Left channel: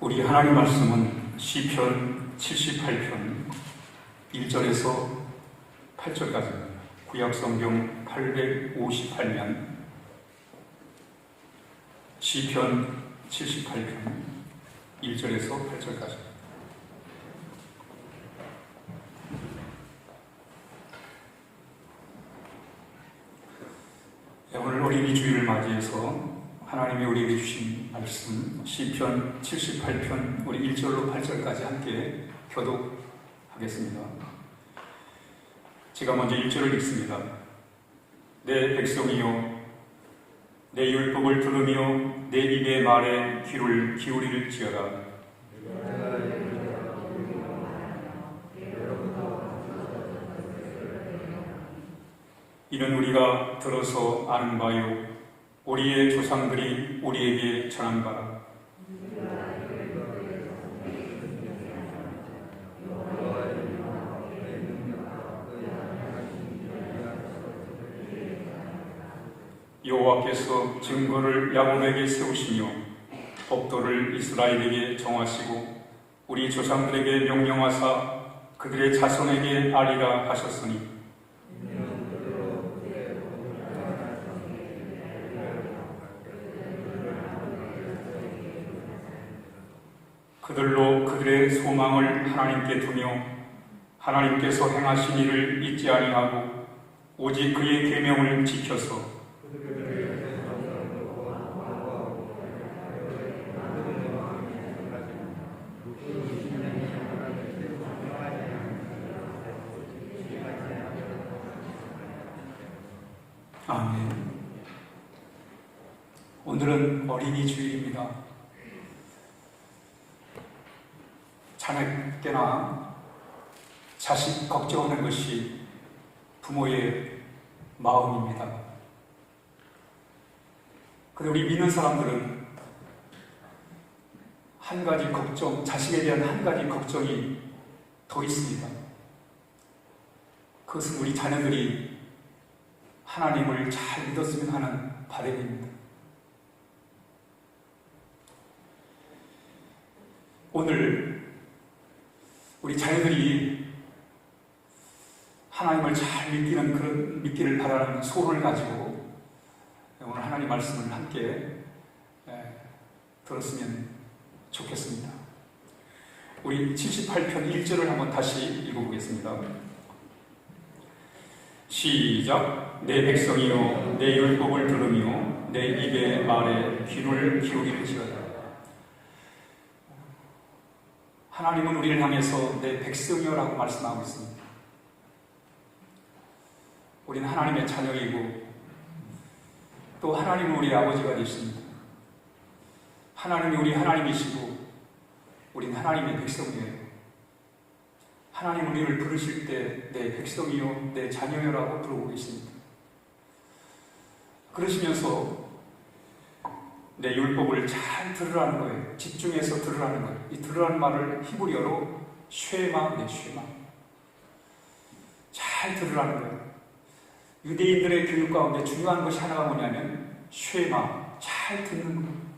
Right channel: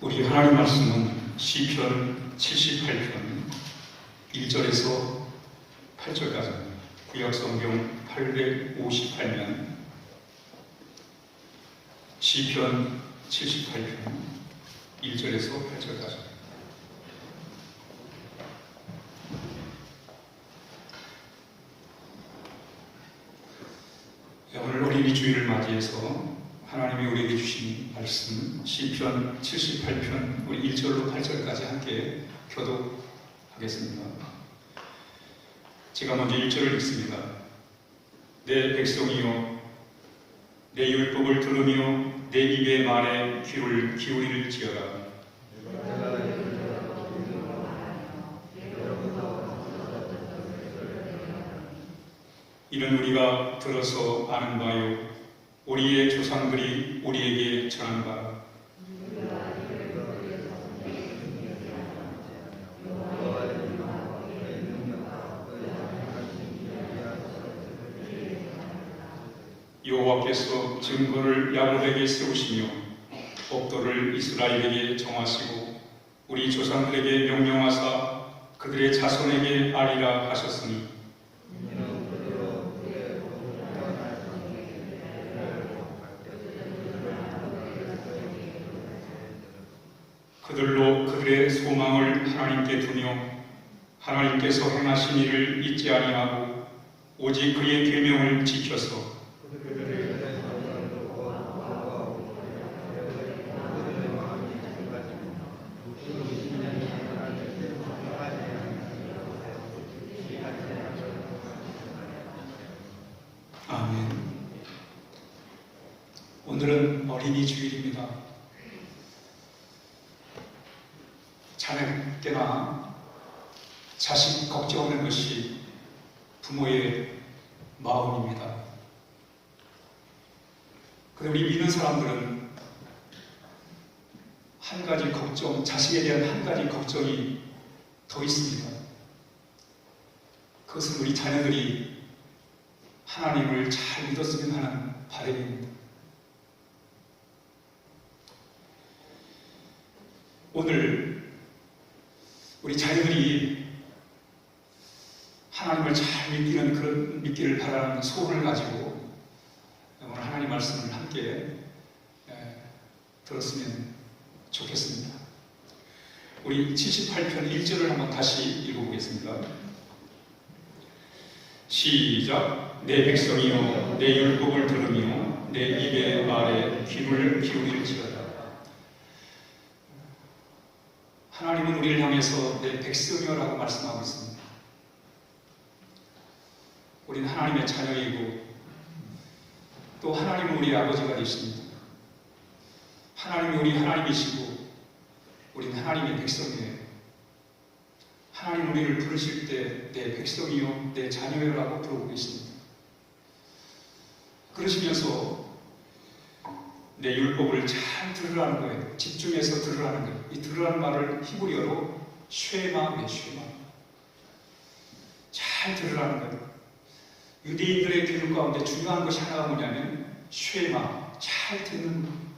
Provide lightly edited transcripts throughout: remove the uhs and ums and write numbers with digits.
우리 하나님 말씀은 시편 78편 1절에서 8절까지입니다. 구약성경 858면 시편 78편 1절에서 8절까지. 오늘 어린이 주일을 맞이해서 하나님이 우리에게 주신 말씀 시편 78편 우리 1절로 8절까지 함께 교독하겠습니다. 제가 먼저 1절을 읽습니다. 내 백성이여 내 율법을 들으며 내 입의 말에 귀를 기울일지어다. 이는 우리가 들어서 아는 바요 우리의 조상들이 우리에게 전한 바라. 여호와께서 증거를 야곱에게 세우시며 법도를 이스라엘에게 정하시고 우리 조상들에게 명령하사 그들의 자손에게 알리라 하셨으니 그들로 그들의 소망을 하나님께 두며 하나님께서 행하신 일을 잊지 아니하고 오직 그의 계명을 지켜서 아멘. 오늘은 어린이 주일입니다. 자녀께나 자식 걱정하는 것이 부모의 마음입니다. 그런데 우리 믿는 사람들은 한 가지 걱정, 자식에 대한 한 가지 걱정이 더 있습니다. 그것은 우리 자녀들이 하나님을 잘 믿었으면 하는 바람입니다. 오늘 우리 자녀들이 하나님을 잘 믿기를 바라는 소원을 가지고 오늘 하나님 말씀을 함께 들었으면 좋겠습니다. 우리 78편 1절을 한번 다시 읽어보겠습니다. 시작. 내 백성이여 내 율법을 들으며 내 입의 말에 귀를 기울일지어다. 하나님은 우리를 향해서 내 백성이여라고 말씀하고 있습니다. 우리는 하나님의 자녀이고 또 하나님은 우리의 아버지가 되십니다. 하나님이 우리 하나님이시고 우리는 하나님의 백성이에요. 하나님 우리를 부르실 때 내 백성이요 내 자녀여라고 부르고 계십니다. 그러시면서 내 율법을 잘 들으라는 거예요. 집중해서 들으라는 거예요. 이 들으라는 말을 히브리어로 쉐마 네 쉐마 잘 들으라는 거예요. 유대인들의 교육 가운데 중요한 것이 하나가 뭐냐면 쉐마 잘 듣는 거예요.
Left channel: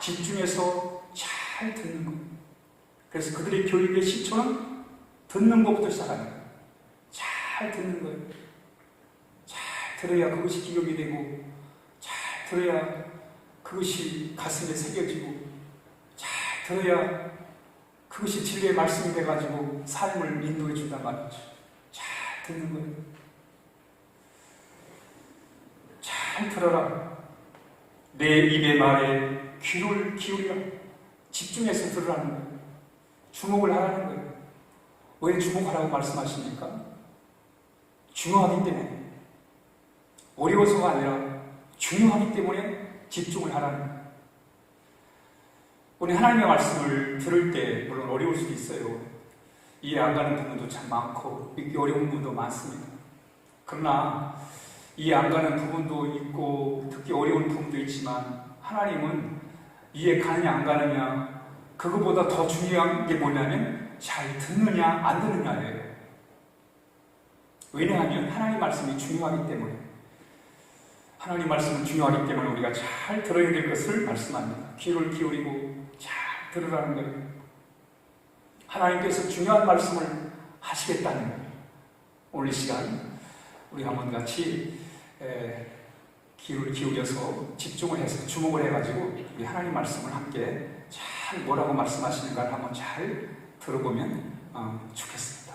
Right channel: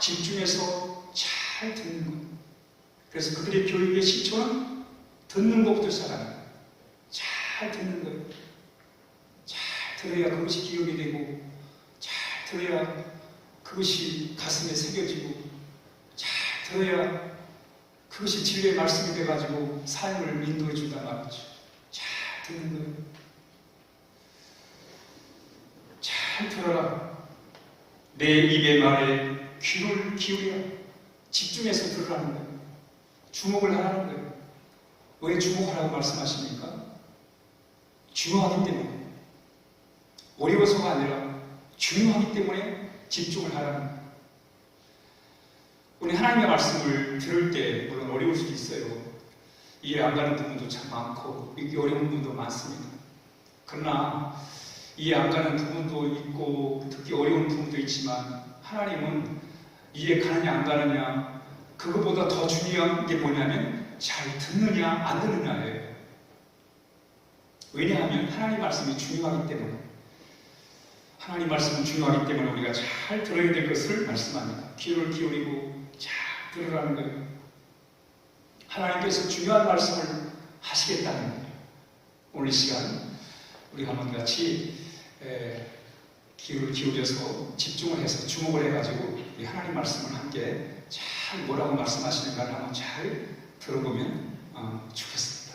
집중해서 잘 듣는 거예요. 그래서 그들의 교육의 시초는 듣는 것부터 시작하는 거예요. 잘 듣는 거예요. 잘 들어야 그것이 기억이 되고 잘 들어야 그것이 가슴에 새겨지고 잘 들어야 그것이 진리의 말씀이 돼가지고 삶을 인도해 준단 말이죠. 잘 듣는 거예요. 잘 들어라. 내 입의 말에 귀를 기울여 집중해서 들으라는 거예요. 주목을 하라는 거예요. 왜 주목하라고 말씀하십니까? 중요하기 때문에. 어려워서가 아니라 중요하기 때문에 집중을 하라는 거예요. 우리 하나님의 말씀을 들을 때 물론 어려울 수도 있어요. 이해 안 가는 부분도 참 많고 읽기 어려운 부분도 많습니다. 그러나 이해 안 가는 부분도 있고 듣기 어려운 부분도 있지만 하나님은 이해 가느냐 안 가느냐 그거보다 더 중요한 게 뭐냐면 잘 듣느냐 안 듣느냐예요. 왜냐하면 하나님 말씀이 중요하기 때문에 하나님 말씀은 중요하기 때문에 우리가 잘 들어야 될 것을 말씀합니다. 귀를 기울이고 잘 들으라는 거예요. 하나님께서 중요한 말씀을 하시겠다는 거예요. 오늘 이 시간 우리 한번 같이 귀를 기울여서 집중을 해서 주목을 해가지고 우리 하나님 말씀을 함께 잘 뭐라고 말씀하시는가를 한번 잘 들어보면 좋겠습니다.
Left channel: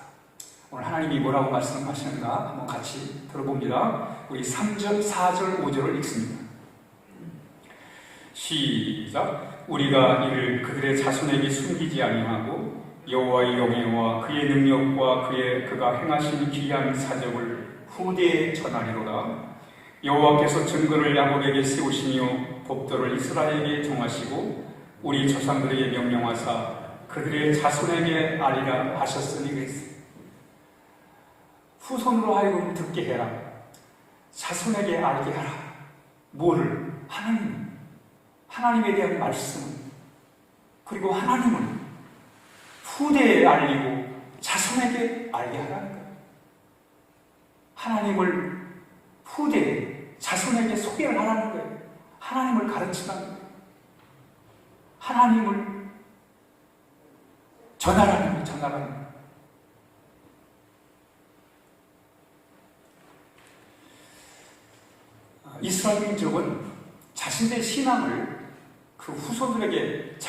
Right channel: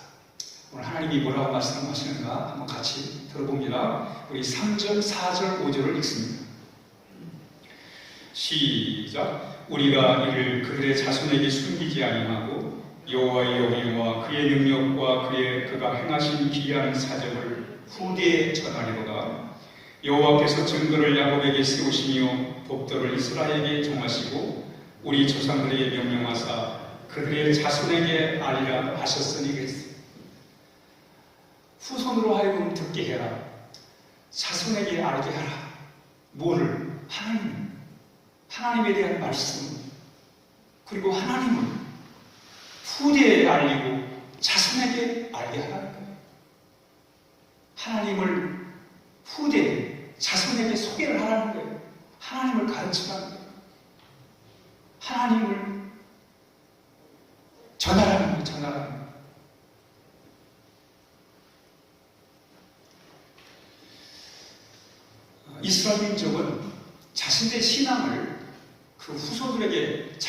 오늘 하나님이 뭐라고 말씀하시는가 한번 같이 들어봅니다. 우리 3절, 4절, 5절을 읽습니다. 시작. 우리가 이를 그들의 자손에게 숨기지 아니하고 여호와의 영예와 그의 능력과 그가 행하신 기이한 사적을 후대에 전하리로다. 여호와께서 증거를 야곱에게 세우시며 법도를 이스라엘에게 정하시고 우리 조상들에게 명령하사 그들의 자손에게 알리라 하셨으니 그랬어요. 후손으로 하여금 듣게 해라. 자손에게 알게 하라. 뭐를? 하나님에 대한 말씀, 그리고 하나님을 후대에 알리고 자손에게 알게 하라는 거예요. 하나님을 후대에, 자손에게 소개를 하라는 거예요. 하나님을 가르치라는 거예요. 하나님을 전하라는 거예요. 전하라는 거예요. 이스라엘 민족은 자신의 신앙을 그 후손들에게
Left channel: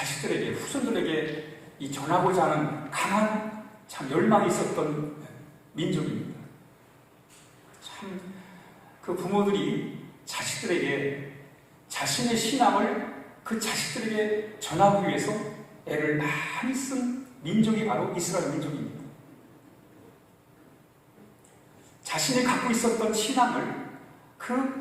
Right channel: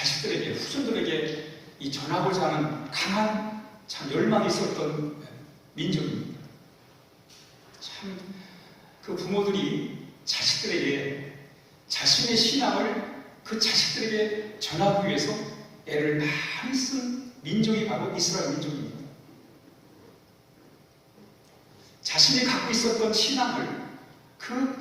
이 전하고자 하는 강한 참 열망이 있었던 민족입니다. 참 그 부모들이 자식들에게 자신의 신앙을 그 자식들에게 전하기 위해서 애를 많이 쓴 민족이 바로 이스라엘 민족입니다. 자신이 갖고 있었던 신앙을 그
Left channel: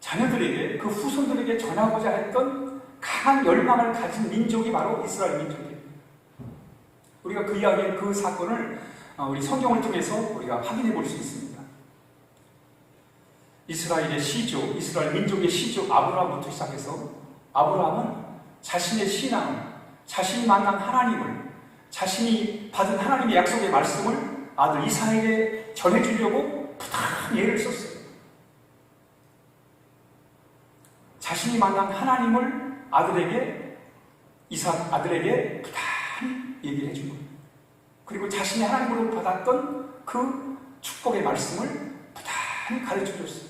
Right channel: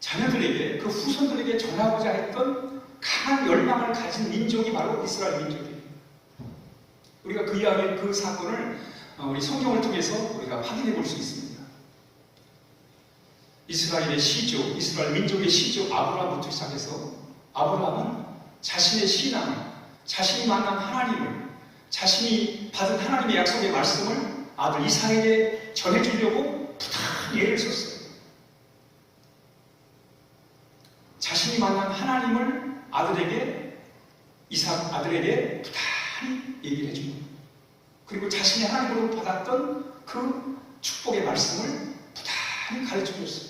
자녀들에게, 그 후손들에게 전하고자 했던 강한 열망을 가진 민족이 바로 이스라엘 민족이에요. 우리가 그 이야기, 그 사건을 우리 성경을 통해서 우리가 확인해 볼 수 있습니다. 이스라엘 민족의 시조 아브라함부터 시작해서 아브라함은 자신의 신앙을, 자신이 만난 하나님을, 자신이 받은 하나님의 약속의 말씀을 아들 이삭에게 전해주려고 부단히 애를 썼어요. 자신이 만난 하나님을 이삭 아들에게 부단히 얘기를 해준 거예요. 그리고 자신이 하나님으로 받았던 그 축복의 말씀을 부단히 가르쳐 줬어요.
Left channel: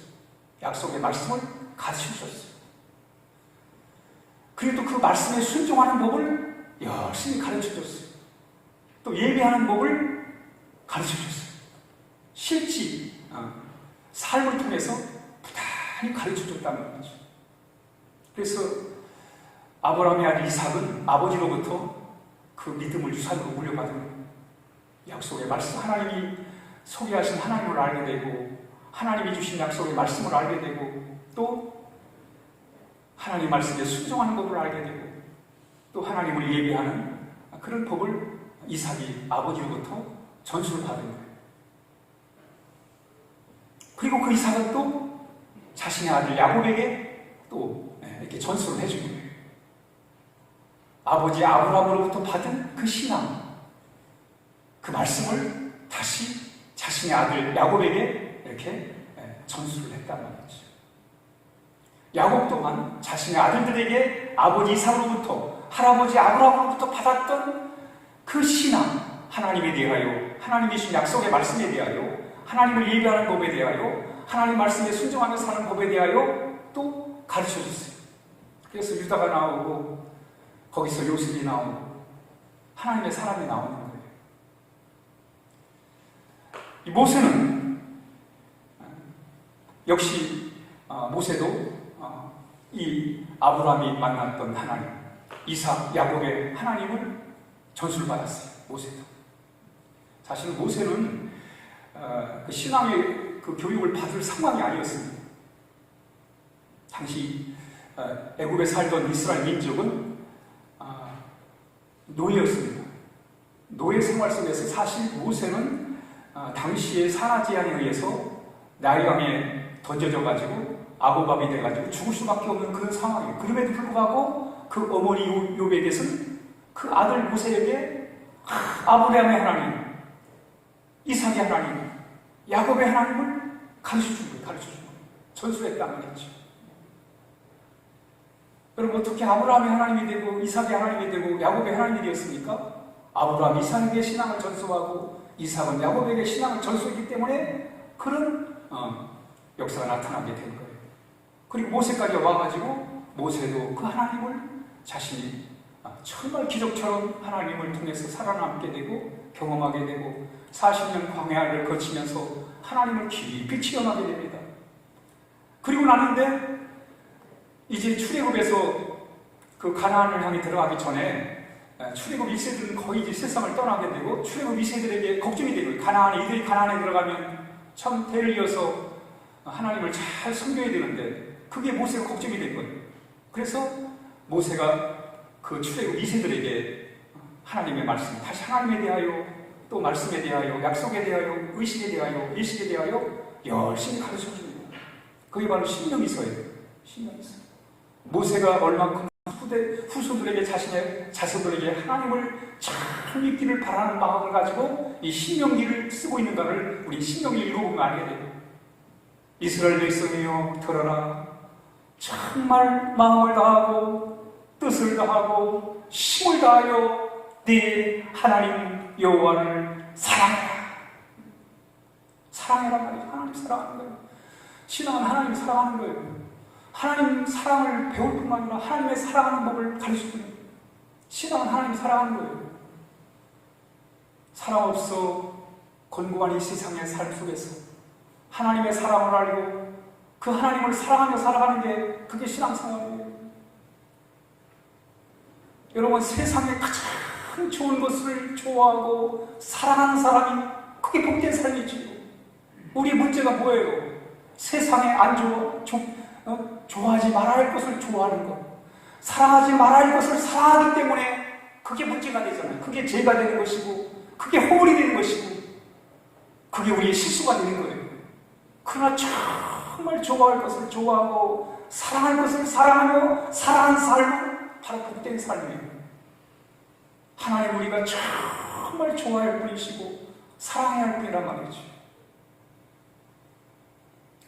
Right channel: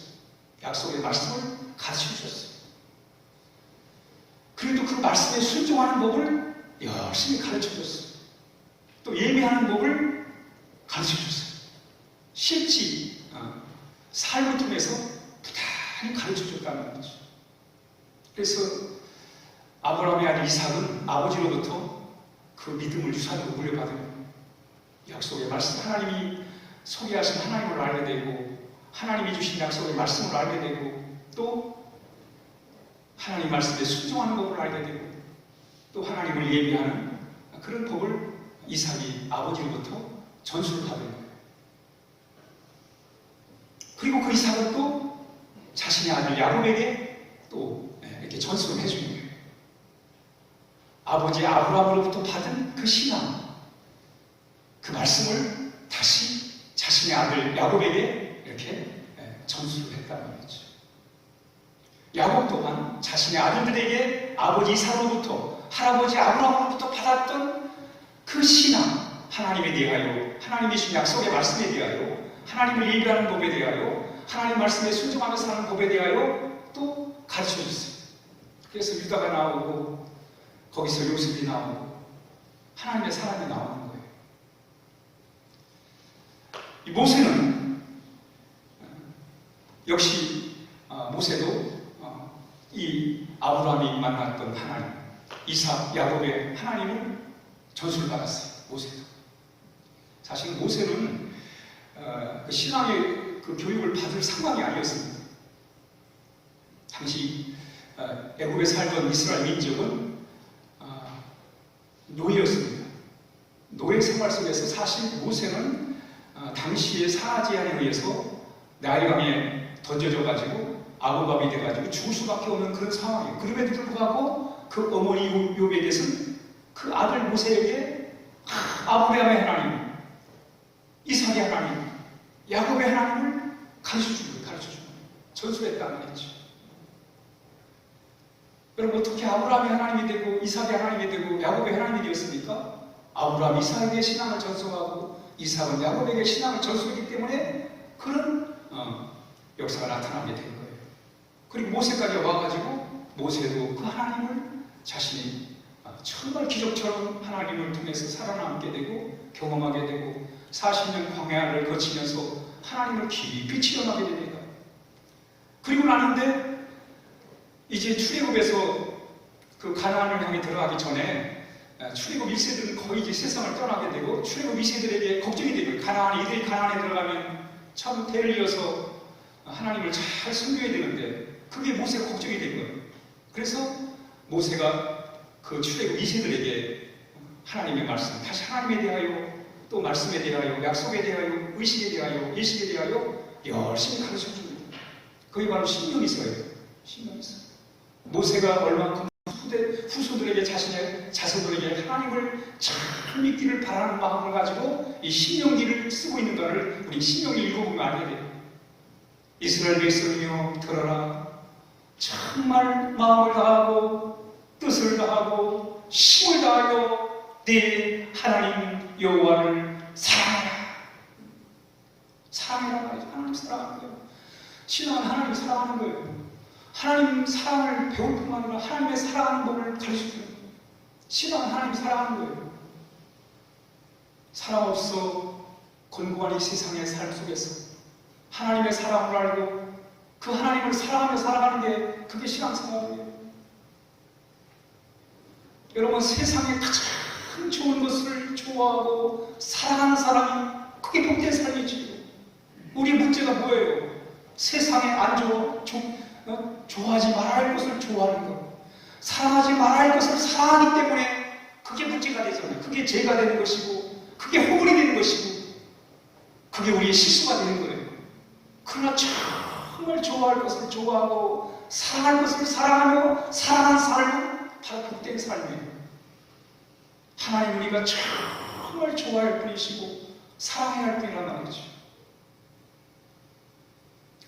약속의 말씀을 가르쳐 줬어요. 그리고 또 그 말씀에 순종하는 법을 열심히 가르쳐 줬어요. 또 예배하는 법을 가르쳐 줬어요. 실제 삶을 통해서 부단히 가르쳐 줬다는 거죠. 그래서 아브라함의 아들 이삭은 아버지로부터 그 믿음을 유산으로 물려받은 약속의 말씀, 하나님이 소개하신 하나님을 알게 되고 하나님이 주신 약속의 말씀을 알게 되고 또 하나님 말씀에 순종하는 법을 알게 되고 또 하나님을 예배하는 그런 법을 이삭이 아버지로부터 전수를 받은 거예요. 그리고 그 이삭은 또 자신의 아들 야곱에게 또 이렇게 전수를 해준 거예요. 아버지 아브라함으로부터 받은 그 신앙, 그 말씀을 다시 자신의 아들 야곱에게 이렇게 전수를 했다는 거죠. 야곱 또한 자신의 아들들에게 아버지 이삭으로부터, 할아버지 아브라함으로부터 받았던 그 신앙, 하나님에 대하여, 하나님이 주신 약속의 말씀에 대하여, 하나님을 예배하는 법에 대하여, 하나님 말씀에 순종하며 사는 법에 대하여 또 가르쳐 줬어요. 그래서 유다가 나오고 거기서 요셉이 나오고 하나님의 사람이 나오는 거예요. 이 모세는 역시 모세도 이 아브라함이 만났던 하나님, 이삭, 야곱의 하나님을 전수를 받았어요. 모세도. 사실 모세는 그 신앙의 그 교육을 받을 상황이 아니었습니다. 당시 애굽에 살던 이스라엘 민족은 노예였습니다. 노예 생활 속에서 사실 모세는 당시의 산하 제한에 의해서 나일강에 던져져가지고 아고밥이 돼가지고 죽을 수밖에 없는 그런 상황이에요. 그럼에도 불구하고 그 어머니 요백에서는 그 아들 모세에게 아브라함의 하나님, 이삭의 하나님, 야곱의 하나님을 가르쳐준 거예요. 전수했다는 거죠. 여러분, 어떻게 아브라함이 하나님이 되고 이삭이 하나님이 되고 야곱이 하나님이 되었습니까? 아브라함이 이삭에게 신앙을 전수하고 이삭은 야곱에게 신앙을 전수했기 때문에 그런 역사가 나타나게 된 거예요. 그리고 모세까지 와가지고 모세도 그 하나님을 자신이 정말 기적처럼 하나님을 통해서 살아남게 되고 경험하게 되고 40년 광야를 거치면서 하나님을 깊이 체험하게 됩니다. 그리고 나는데 이제 출애굽에서 그 가나안을 향해 들어가기 전에 출애굽 1세들은 거의 이제 세상을 떠나게 되고 출애굽 2세들에게 걱정이 되고 이들이 가나안에 들어가면 참 대를 이어서 하나님을 잘 섬겨야 되는데 그게 모세가 걱정이 된 거예요. 그래서 모세가 그 출애굽 2세들에게 하나님의 말씀, 다시 하나님에 대하여 또 말씀에 대하여 약속에 대하여 의식에 대하여 예식에 대하여 열심히 가르쳐 줍니다. 그게 바로 신명기서예요. 신명기서. 모세가 얼만큼 후손들에게 자신의 자손들에게 하나님을 잘 믿기를 바라는 마음을 가지고 이 신명기를 쓰고 있는가를 우리 신명기 읽어보면 알게 돼요. 이스라엘 백성이여 들어라. 정말 마음을 다하고 뜻을 다하고 힘을 다하여 네 하나님 여호와를 사랑해라. 사랑해라 말이죠. 하나님 사랑하는 거예요. 신앙은 하나님 사랑하는 거예요. 하나님 사랑을 배울 뿐만 아니라 하나님의 사랑하는 법을 가르쳐주는 거예요. 신앙은 하나님 사랑하는 거예요. 사랑 없어 곤고한 이 세상의 삶 속에서 하나님의 사랑을 알고 그 하나님을 사랑하며 살아가는 게 그게 신앙생활이에요. 여러분, 세상에 가장 좋은 것을 좋아하고 사랑하는 사람이 그게 복된 삶이지. 우리 문제가 뭐예요? 세상에 안 좋아하지 말아야 할 것을 좋아하는 것, 사랑하지 말아야 할 것을 사랑하기 때문에 그게 문제가 되잖아요. 그게 죄가 되는 것이고 그게 허물이 되는 것이고 그게 우리의 실수가 되는 거예요. 그러나 정말 좋아할 것을 좋아하고 사랑할 것을 사랑하며 살아가는 삶은 바로 복된 삶이에요. 하나님 우리가 정말 좋아할 분이시고 사랑해야 할 분이란 말이죠.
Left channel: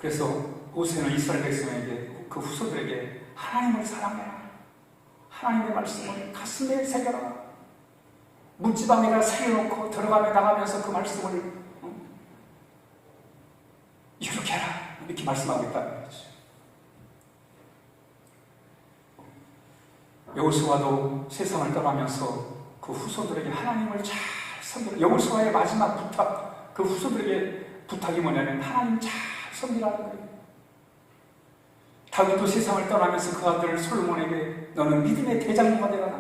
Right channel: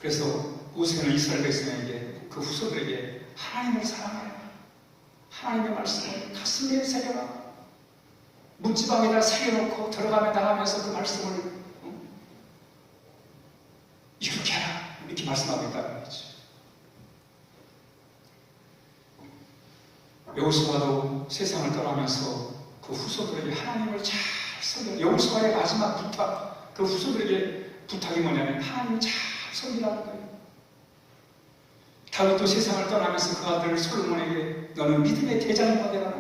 그래서 모세는 이스라엘 백성에게 그 후손들에게 하나님을 사랑해라. 하나님의 말씀을 가슴에 새겨라. 문지방에다 새겨놓고 들어가며 나가면서 그 말씀을 이렇게 해라. 이렇게 말씀하겠다는 거죠. 여호수아도 세상을 떠나면서 그 후손들에게 하나님을 잘 섬기라. 여호수아의 마지막 부탁, 그 후손들에게 부탁이 뭐냐면 하나님을 잘 섬기라는 거예요. 다윗도 세상을 떠나면서 그 아들 솔로몬에게 너는 믿음의 대장이가 되라.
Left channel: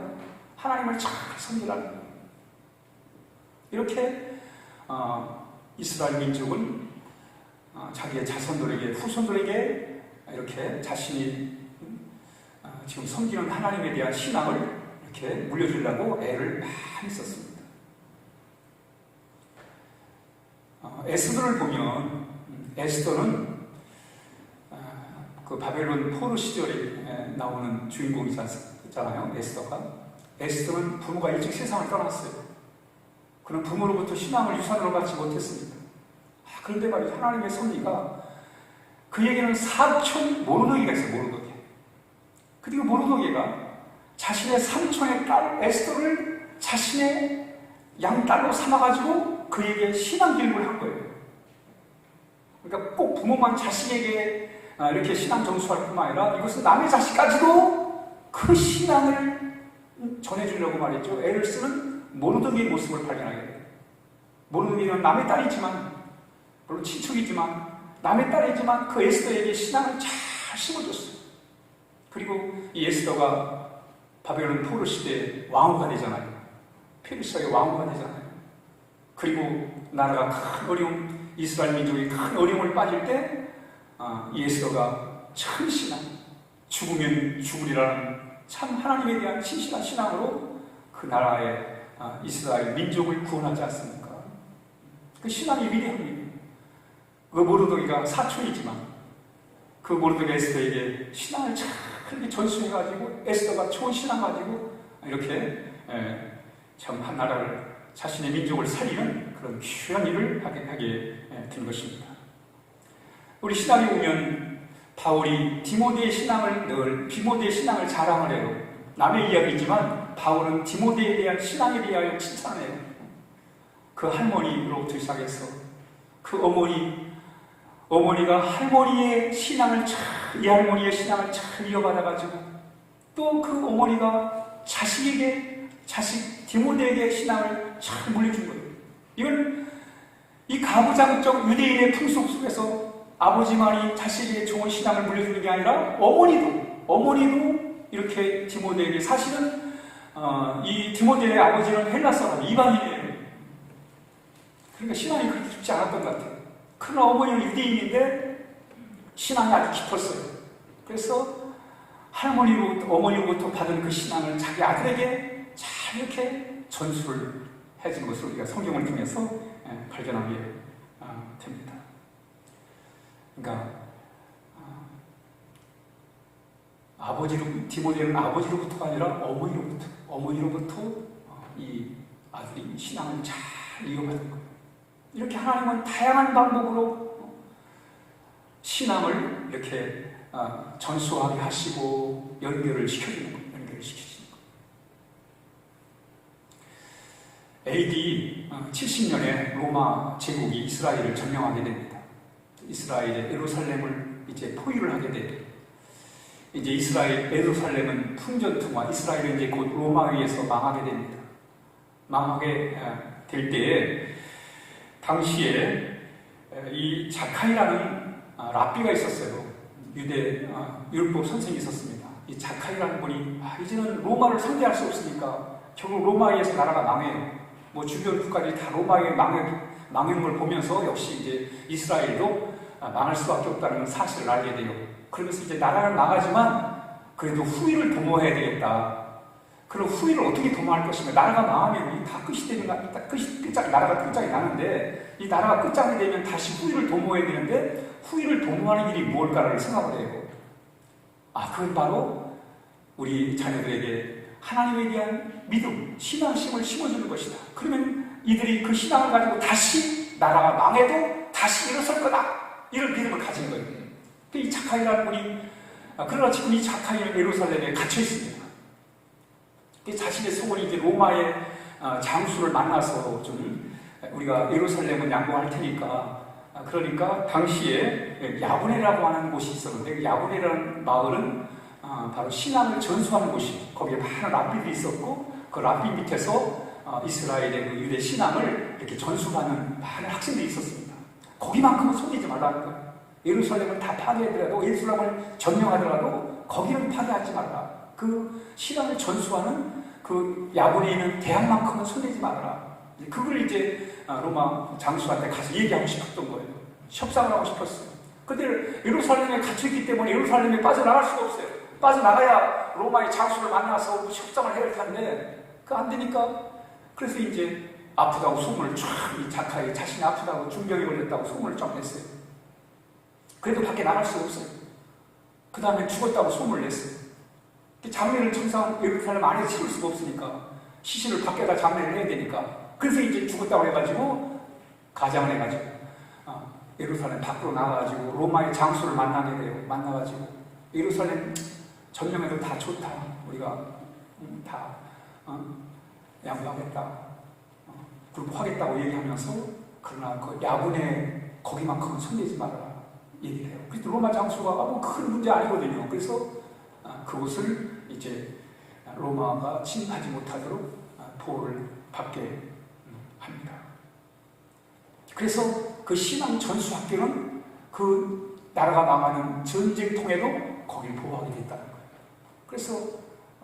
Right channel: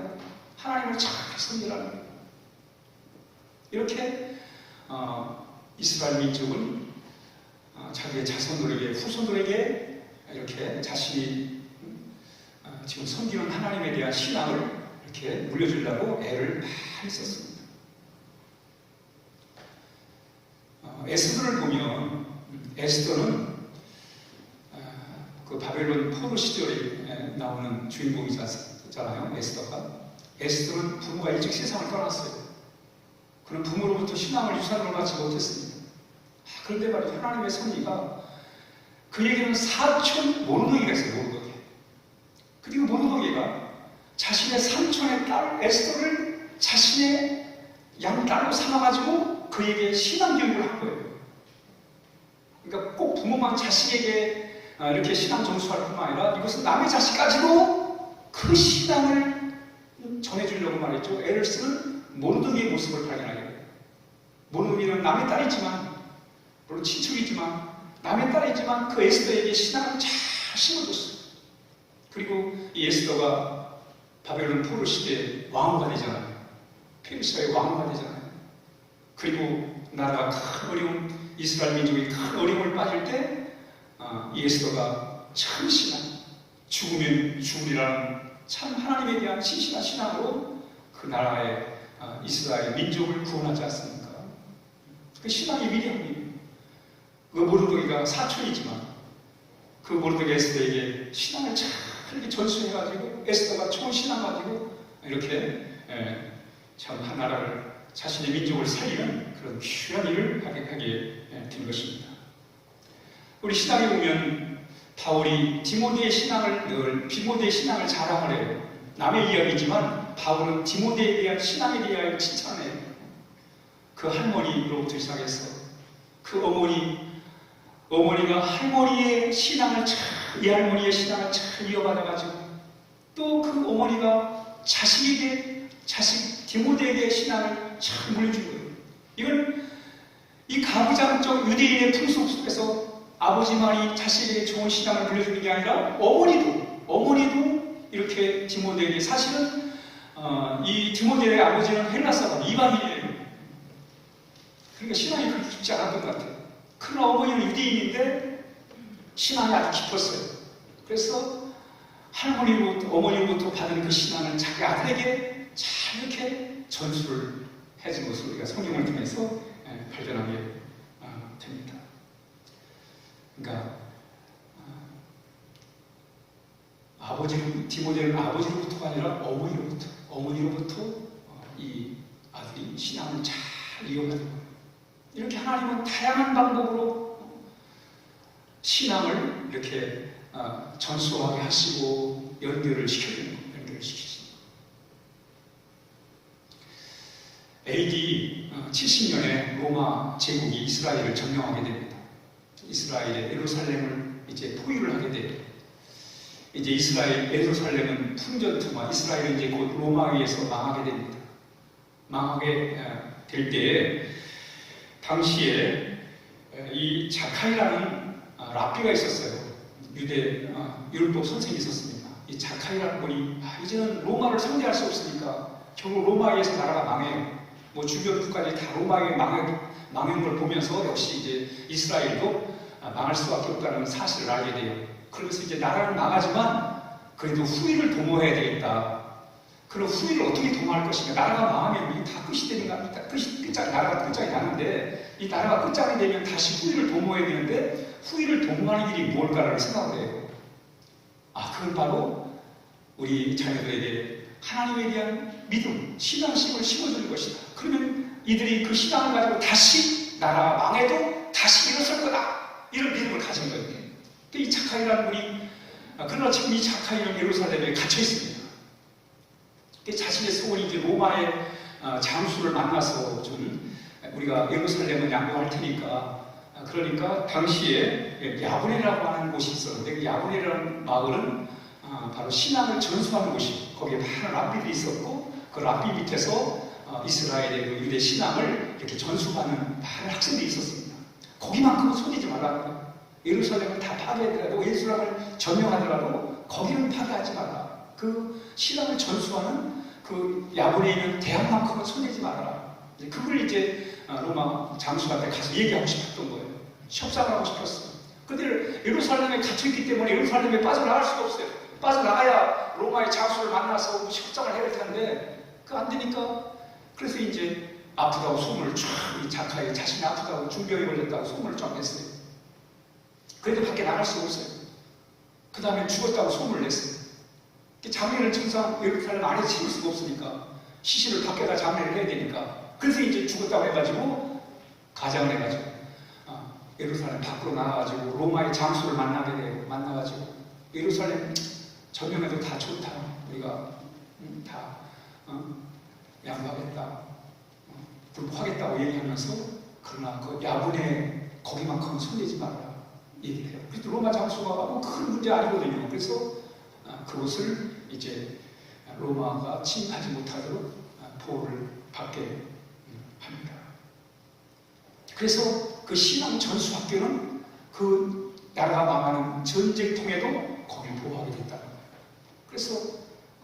하나님을 잘 섬기라는 거예요. 이렇게 이스라엘 민족은 자기의 자손들에게, 후손들에게 이렇게 자신이 지금 섬기는 하나님에 대한 신앙을 이렇게 물려주려고 애를 많이 썼습니다. 에스더를 보면 에스더는 그 바벨론 포로 시절에 나오는 주인공이잖아요. 에스더는 부모가 일찍 세상을 떠났어요. 그는 부모로부터 신앙을 유산으로 받지 못했습니다. 그런데 말이죠. 하나님의 섭리가 그에게는 사촌 모르드게가 있어요. 모르드게. 그리고 모르드게가 자신의 삼촌의 딸 에스더를 자신의 양딸로 삼아가지고 그에게 신앙 교육을 한 거예요. 그러니까 꼭 부모만 자식에게 이렇게 신앙 전수할 뿐만 아니라 이것은 남의 자식까지도 그 신앙을 전해주려고 말했죠. 애를 쓰는 모르드게의 모습을 발견하게 돼요. 모르드게는 남의 딸이지만, 물론 친척이지만 남의 딸이지만 그 에스더에게 신앙을 잘 심어줬어요. 그리고 이 에스더가 바벨론 포로 시대의 왕후가 되잖아요. 페르시아의 왕후가 되잖아요. 그리고 나라가 큰 어려움, 이스라엘 민족이 큰 어려움을 빠질 때 이 에스더가 참 신앙, 죽으면 죽으리라는 참 하나님에 대한 신실한 신앙으로 그 나라의 이스라엘 민족을 구원하지 않습니까? 그 신앙이 위대합니다. 그 모르드게가 사촌이지만 그 모르드게 에스더에게 신앙을 잘 그렇게 전수해가지고 에스더가 좋은 신앙 가지고 이렇게 참 한 나라를 자신의 민족을 살리는 그런 귀한 일을 하게 된 것입니다. 우리 신앙에 보면 바울이 디모데의 신앙을 자랑을 해요. 남의 이야기지만 바울은 디모데에 대한 신앙에 대하여 칭찬을 해요. 그 할머니로부터 시작해서 그 어머니가 할머니의 신앙을 이 할머니의 신앙을 잘 이어받아가지고 또 그 어머니가 자식 디모데에게 신앙을 잘 물려준 거예요. 이건 이 가부장적 유대인의 풍속 속에서 아버지만이 자식에게 좋은 신앙을 물려주는 게 아니라 어머니도 이렇게 디모데에게, 사실은 이 디모데의 아버지는 헬라 사람, 이방인이에요. 그러니까 신앙이 그렇게 깊지 않았던 것 같아요. 그러나 어머니는 유대인인데 신앙이 아주 깊었어요. 그래서 어머니로부터 받은 그 신앙을 자기 아들에게 잘 이렇게 전수를 해준 것을 우리가 성경을 통해서 발견하게 됩니다. 그러니까 디모데는 아버지로부터가 아니라 어머니로부터 이 아들이 신앙을 잘 이어받은 거예요. 이렇게 하나님은 다양한 방법으로 신앙을 이렇게 전수하게 하시고 연결을 시키시는 거예요. AD 70년에 로마 제국이 이스라엘을 점령하게 됩니다. 이스라엘의 예루살렘을 이제 포위를 하게 됩니다. 이제 예루살렘은 풍전투마, 이스라엘은 이제 곧 로마에 의해서 망하게 됩니다. 망하게 될 때에 당시에 이 자카이라는 랍비가 있었어요. 율법 선생이 있었습니다. 이 자카이라는 분이 이제는 로마를 상대할 수 없으니까 결국 로마에서 나라가 망해요. 뭐 주변 국가들이 다 로마에 망한 걸 보면서 역시 이제 이스라엘도 망할 수밖에 없다는 사실을 알게 돼요. 그러면서 이제 나라는 망하지만 그래도 후위를 도모해야 되겠다. 그럼 후위를 어떻게 도모할 것인가? 나라가 망하면 다 끝이 되는 거 아닙니까? 나라가 끝장이 나는데 이 나라가 끝장이 되면 다시 후위를 도모해야 되는데 후위를 도모하는 일이 무엇일까를 생각을 해요. 그건 바로 우리 자녀들에게 하나님에 대한 믿음, 신앙심을 심어주는 것이다. 그러면 이들이 그 신앙을 가지고 다시 나라가 망해도 다시 일어설 거다. 이런 믿음을 가진 거예요. 이 자카이라는 분이, 그러나 지금 이 자카이는 예루살렘에 갇혀 있습니다. 자신의 소원이 이제 로마의 장수를 만나서 좀 우리가 예루살렘은 양보할 테니까, 그러니까 당시에 야브네라고 하는 곳이 있었는데 그 야브네라는 마을은 바로 신앙을 전수하는 곳이, 거기에 많은 랍비들이 있었고 그 랍비 밑에서 이스라엘의 그 유대 신앙을 이렇게 전수하는 많은 학생들이 있었습니다. 거기만큼은 손대지 말라는 거예요. 예루살렘을 다 파괴하더라도, 예루살렘을 점령하더라도 거기는 파괴하지 말라. 그 신앙을 전수하는 그 야브네에 있는 대학만큼은 손대지 말아라. 그걸 이제 로마 장수한테 가서 얘기하고 싶었던 거예요. 협상을 하고 싶었어요. 그런데 예루살렘에 갇혀있기 때문에 예루살렘에 빠져나갈 수가 없어요. 빠져나가야 로마의 장수를 만나서 협상을 해야 할 텐데 그 안 되니까, 그래서 이제 아프다고 소문을 이 자카이 자신이 아프다고 중병이 걸렸다고 소문을 쫙 냈어요. 그래도 밖에 나갈 수가 없어요. 그 다음에 죽었다고 소문을 냈어요. 장례를 정상 예루살렘 안에서 치를 수가 없으니까 시신을 밖에다 장례를 해야 되니까, 그래서 이제 죽었다고 해가지고 가장을 해가지고 예루살렘 밖으로 나와가지고 로마의 장수를 만나게 돼요. 만나가지고 예루살렘 점령해도 다 좋다. 우리가 다 양보하겠다. 굴복하겠다고 얘기하면서, 그러나 그 야분에 거기만큼은 손대지 말아라 얘기를 해요. 그래서 로마 장수가 큰 문제 아니거든요. 그래서 그곳을 이제 로마가 침입하지 못하도록 보호를 받게 합니다. 그래서 그 신앙 전수 학교는 그 나라가 망하는 전쟁통에도 거기를 보호하게 됐다는 거예요. 그래서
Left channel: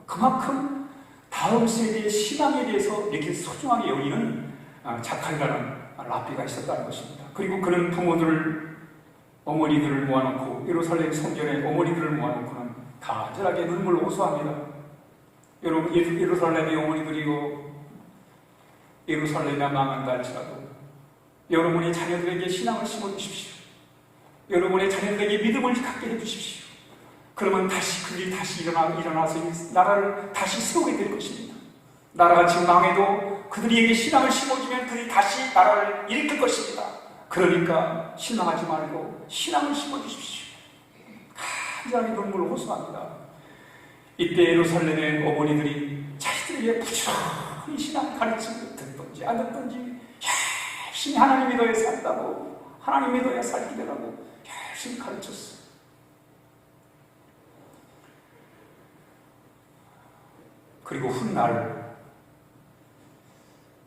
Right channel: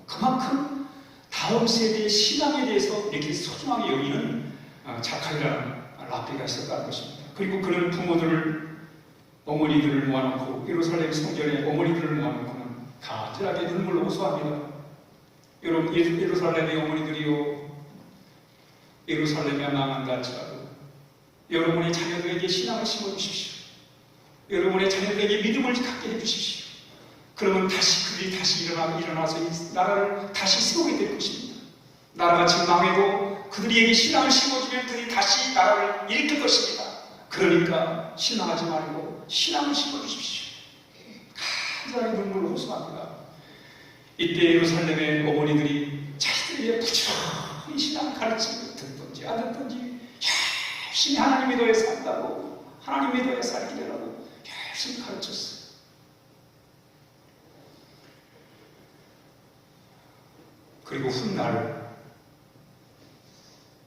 그만큼 다음 세대의 신앙에 대해서 이렇게 소중하게 여기는 자카이라는 랍비가 있었다는 것입니다. 그리고 그런 어머니들을 모아놓고 예루살렘 성전에 어머니들을 모아놓고는 가득하게 눈물로 호소합니다. 여러분, 예루살렘의 어머니들이요, 예루살렘이 망한다 할지라도 여러분의 자녀들에게 신앙을 심어주십시오. 여러분의 자녀들에게 믿음을 갖게 해주십시오. 그러면 그들이 다시 일어나서 이 나라를 다시 세우게 될 것입니다. 나라가 지금 망해도 그들에게 신앙을 심어주면 그들이 다시 나라를 일으킬 것입니다. 그러니까 실망하지 말고 신앙을 심어주십시오. 간절하게 눈물을 호소합니다. 이때 예루살렘의 어머니들이 자신들에게 부지런히 신앙 가르침을 듣든지 안 듣든지 열심히 하나님 믿어야 산다고, 하나님 믿어야 살게 되라고 열심히 가르쳤어요. 그리고 훗날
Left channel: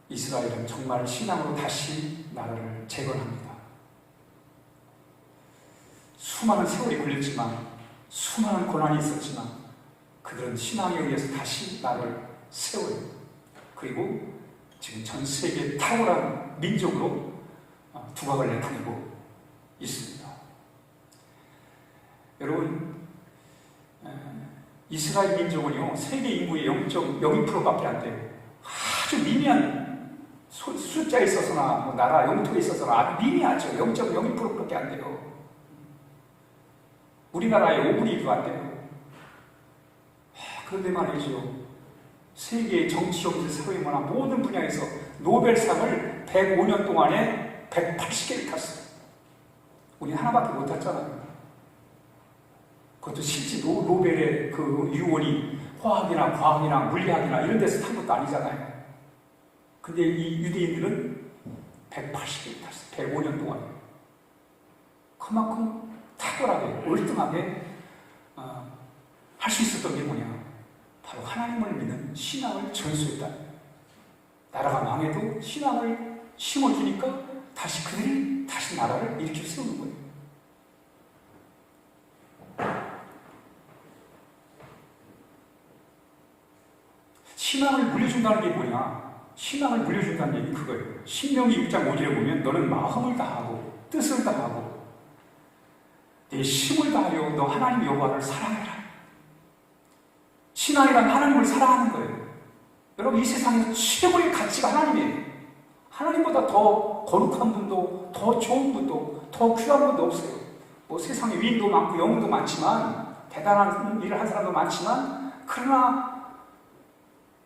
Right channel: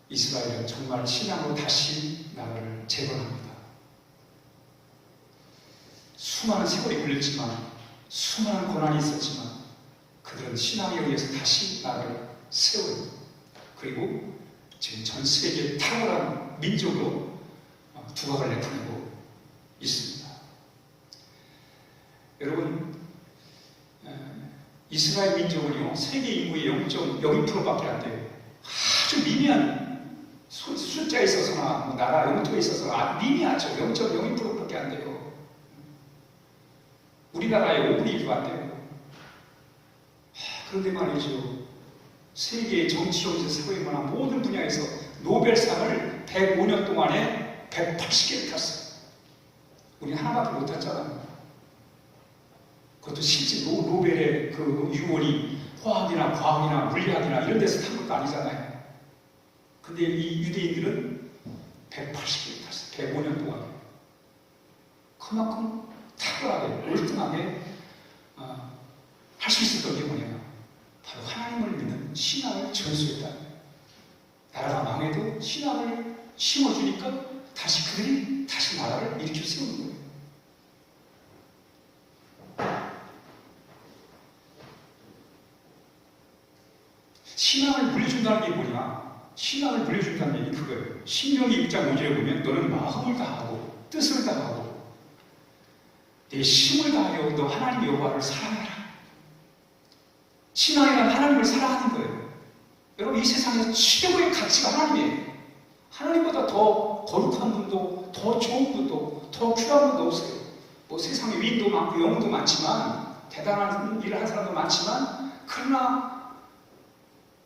이스라엘은 정말 신앙으로 다시 나라를 재건합니다. 수많은 세월이 걸렸지만, 수많은 고난이 있었지만 그들은 신앙에 의해서 다시 나라를 세워요. 그리고 지금 전 세계에 탁월한 민족으로 두각을 나타내고 있습니다. 여러분, 이스라엘 민족은요, 세계 인구의 0.02%밖에 안 돼요. 아주 미미한 숫자에 있어서나 나라 영토에 있어서나 아주 미미하죠. 0.02%밖에 안 돼요. 우리나라의 5분의 1도 안 돼요. 그런데 말이죠, 세계의 정치, 경제, 사회, 문화 모든 분야에서 노벨상을 105년 동안에 180개를 탔어요. 우리 하나밖에 못 탔잖아요. 그것도 실제 노벨의 그 유언이 화학이나 과학이나 물리학이나 이런 데서 탄 것도 아니잖아요. 근데 이 유대인들은 180개를 탔어요. 105년 동안에. 그만큼 탁월하게, 월등하게 할 수 있었던 게 뭐냐? 바로 하나님을 믿는 신앙을 전수했다. 나라가 망해도 신앙을 심어주니까 그들이 다시 나라를 일으켜 세우는 거예요. 신앙을 물려준다는 게 뭐냐? 신앙을 물려준다는 얘기는 그거예요. 신명기 6장 5절에 보면 너는 마음을 다하고 뜻을 다하고 내 힘을 다하여 너 하나님 여호와를 사랑해라. 신앙이란 하나님을 사랑하는 거예요. 여러분, 이 세상에서 최고의 가치가 하나님이에요. 하나님보다 더 거룩한 분도, 더 좋은 분도, 더 귀한 분도 없어요. 뭐 세상에 위인도 많고 영웅도 많지만, 대단한 일을 한 사람도 많지만, 그러나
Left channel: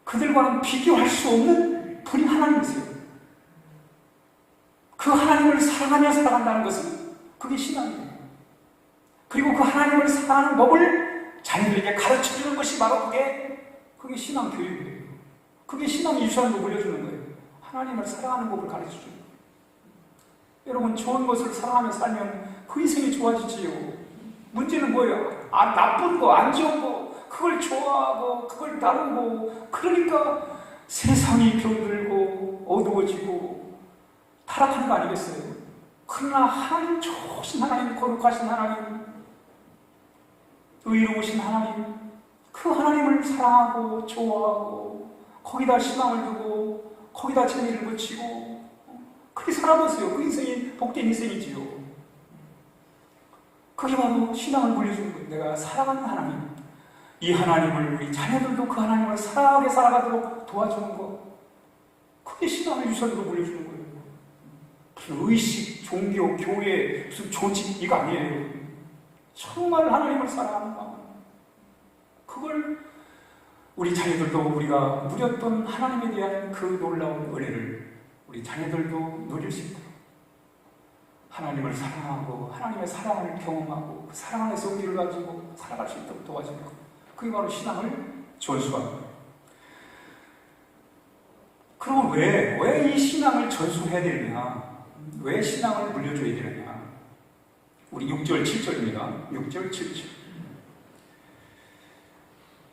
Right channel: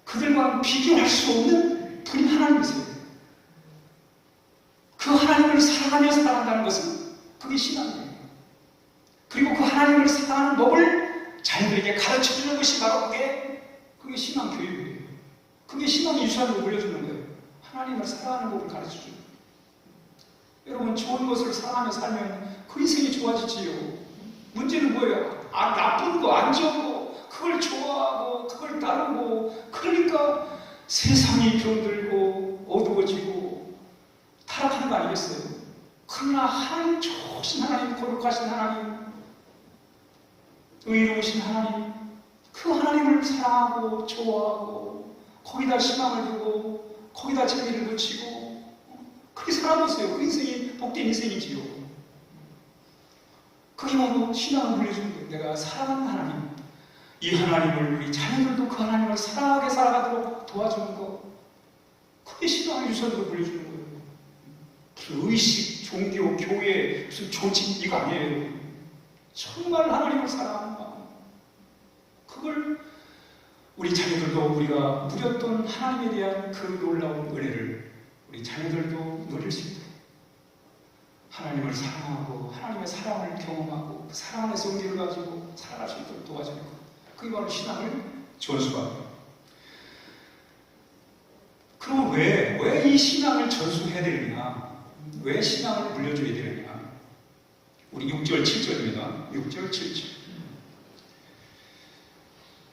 그들과는 비교할 수 없는 분이 하나님이세요. 그 하나님을 사랑하며 살아간다는 것은 그게 신앙이에요. 그리고 그 하나님을 사랑하는 법을 자녀들에게 가르쳐주는 것이 바로 그게 신앙 교육이에요. 그게 신앙의 유산으로 물려주는 거예요. 하나님을 사랑하는 법을 가르쳐주는 거예요. 여러분, 좋은 것을 사랑하며 살면 그 인생이 좋아지지요. 문제는 뭐예요? 나쁜 거, 안 좋은 거, 그걸 좋아하고 그걸 따르고, 그러니까 세상이 병들고 어두워지고 타락하는 거 아니겠어요? 그러나 하나님, 좋으신 하나님, 거룩하신 하나님, 의로우신 하나님, 그 하나님을 사랑하고 좋아하고 거기다 희망을 두고 거기다 재미를 붙이고 그렇게 살아보세요. 그 인생이 복된 인생이지요. 그게 바로 신앙을 물려주는 거예요. 내가 사랑하는 하나님, 이 하나님을, 우리 자녀들도 그 하나님을 사랑하게 살아가도록 도와주는 것, 그게 신앙의 유산으로 물려주는 거예요. 무슨 의식, 종교, 교회, 무슨 조직, 이거 아니에요. 정말 하나님을 사랑하는 마음, 그걸 우리 자녀들도 우리가 누렸던 하나님에 대한 그 놀라운 은혜를 우리 자녀들도 누릴 수 있도록 하나님을 사랑하고 하나님의 사랑을 경험하고 그 사랑 안에서 용기를 가지고 살아갈 수 있도록 도와주는 것, 그게 바로 신앙을 전수하는 거예요. 그럼 왜 이 신앙을 전수해야 되느냐? 왜 신앙을 물려줘야 되느냐? 우리 6절 7절입니다. 6절 7절.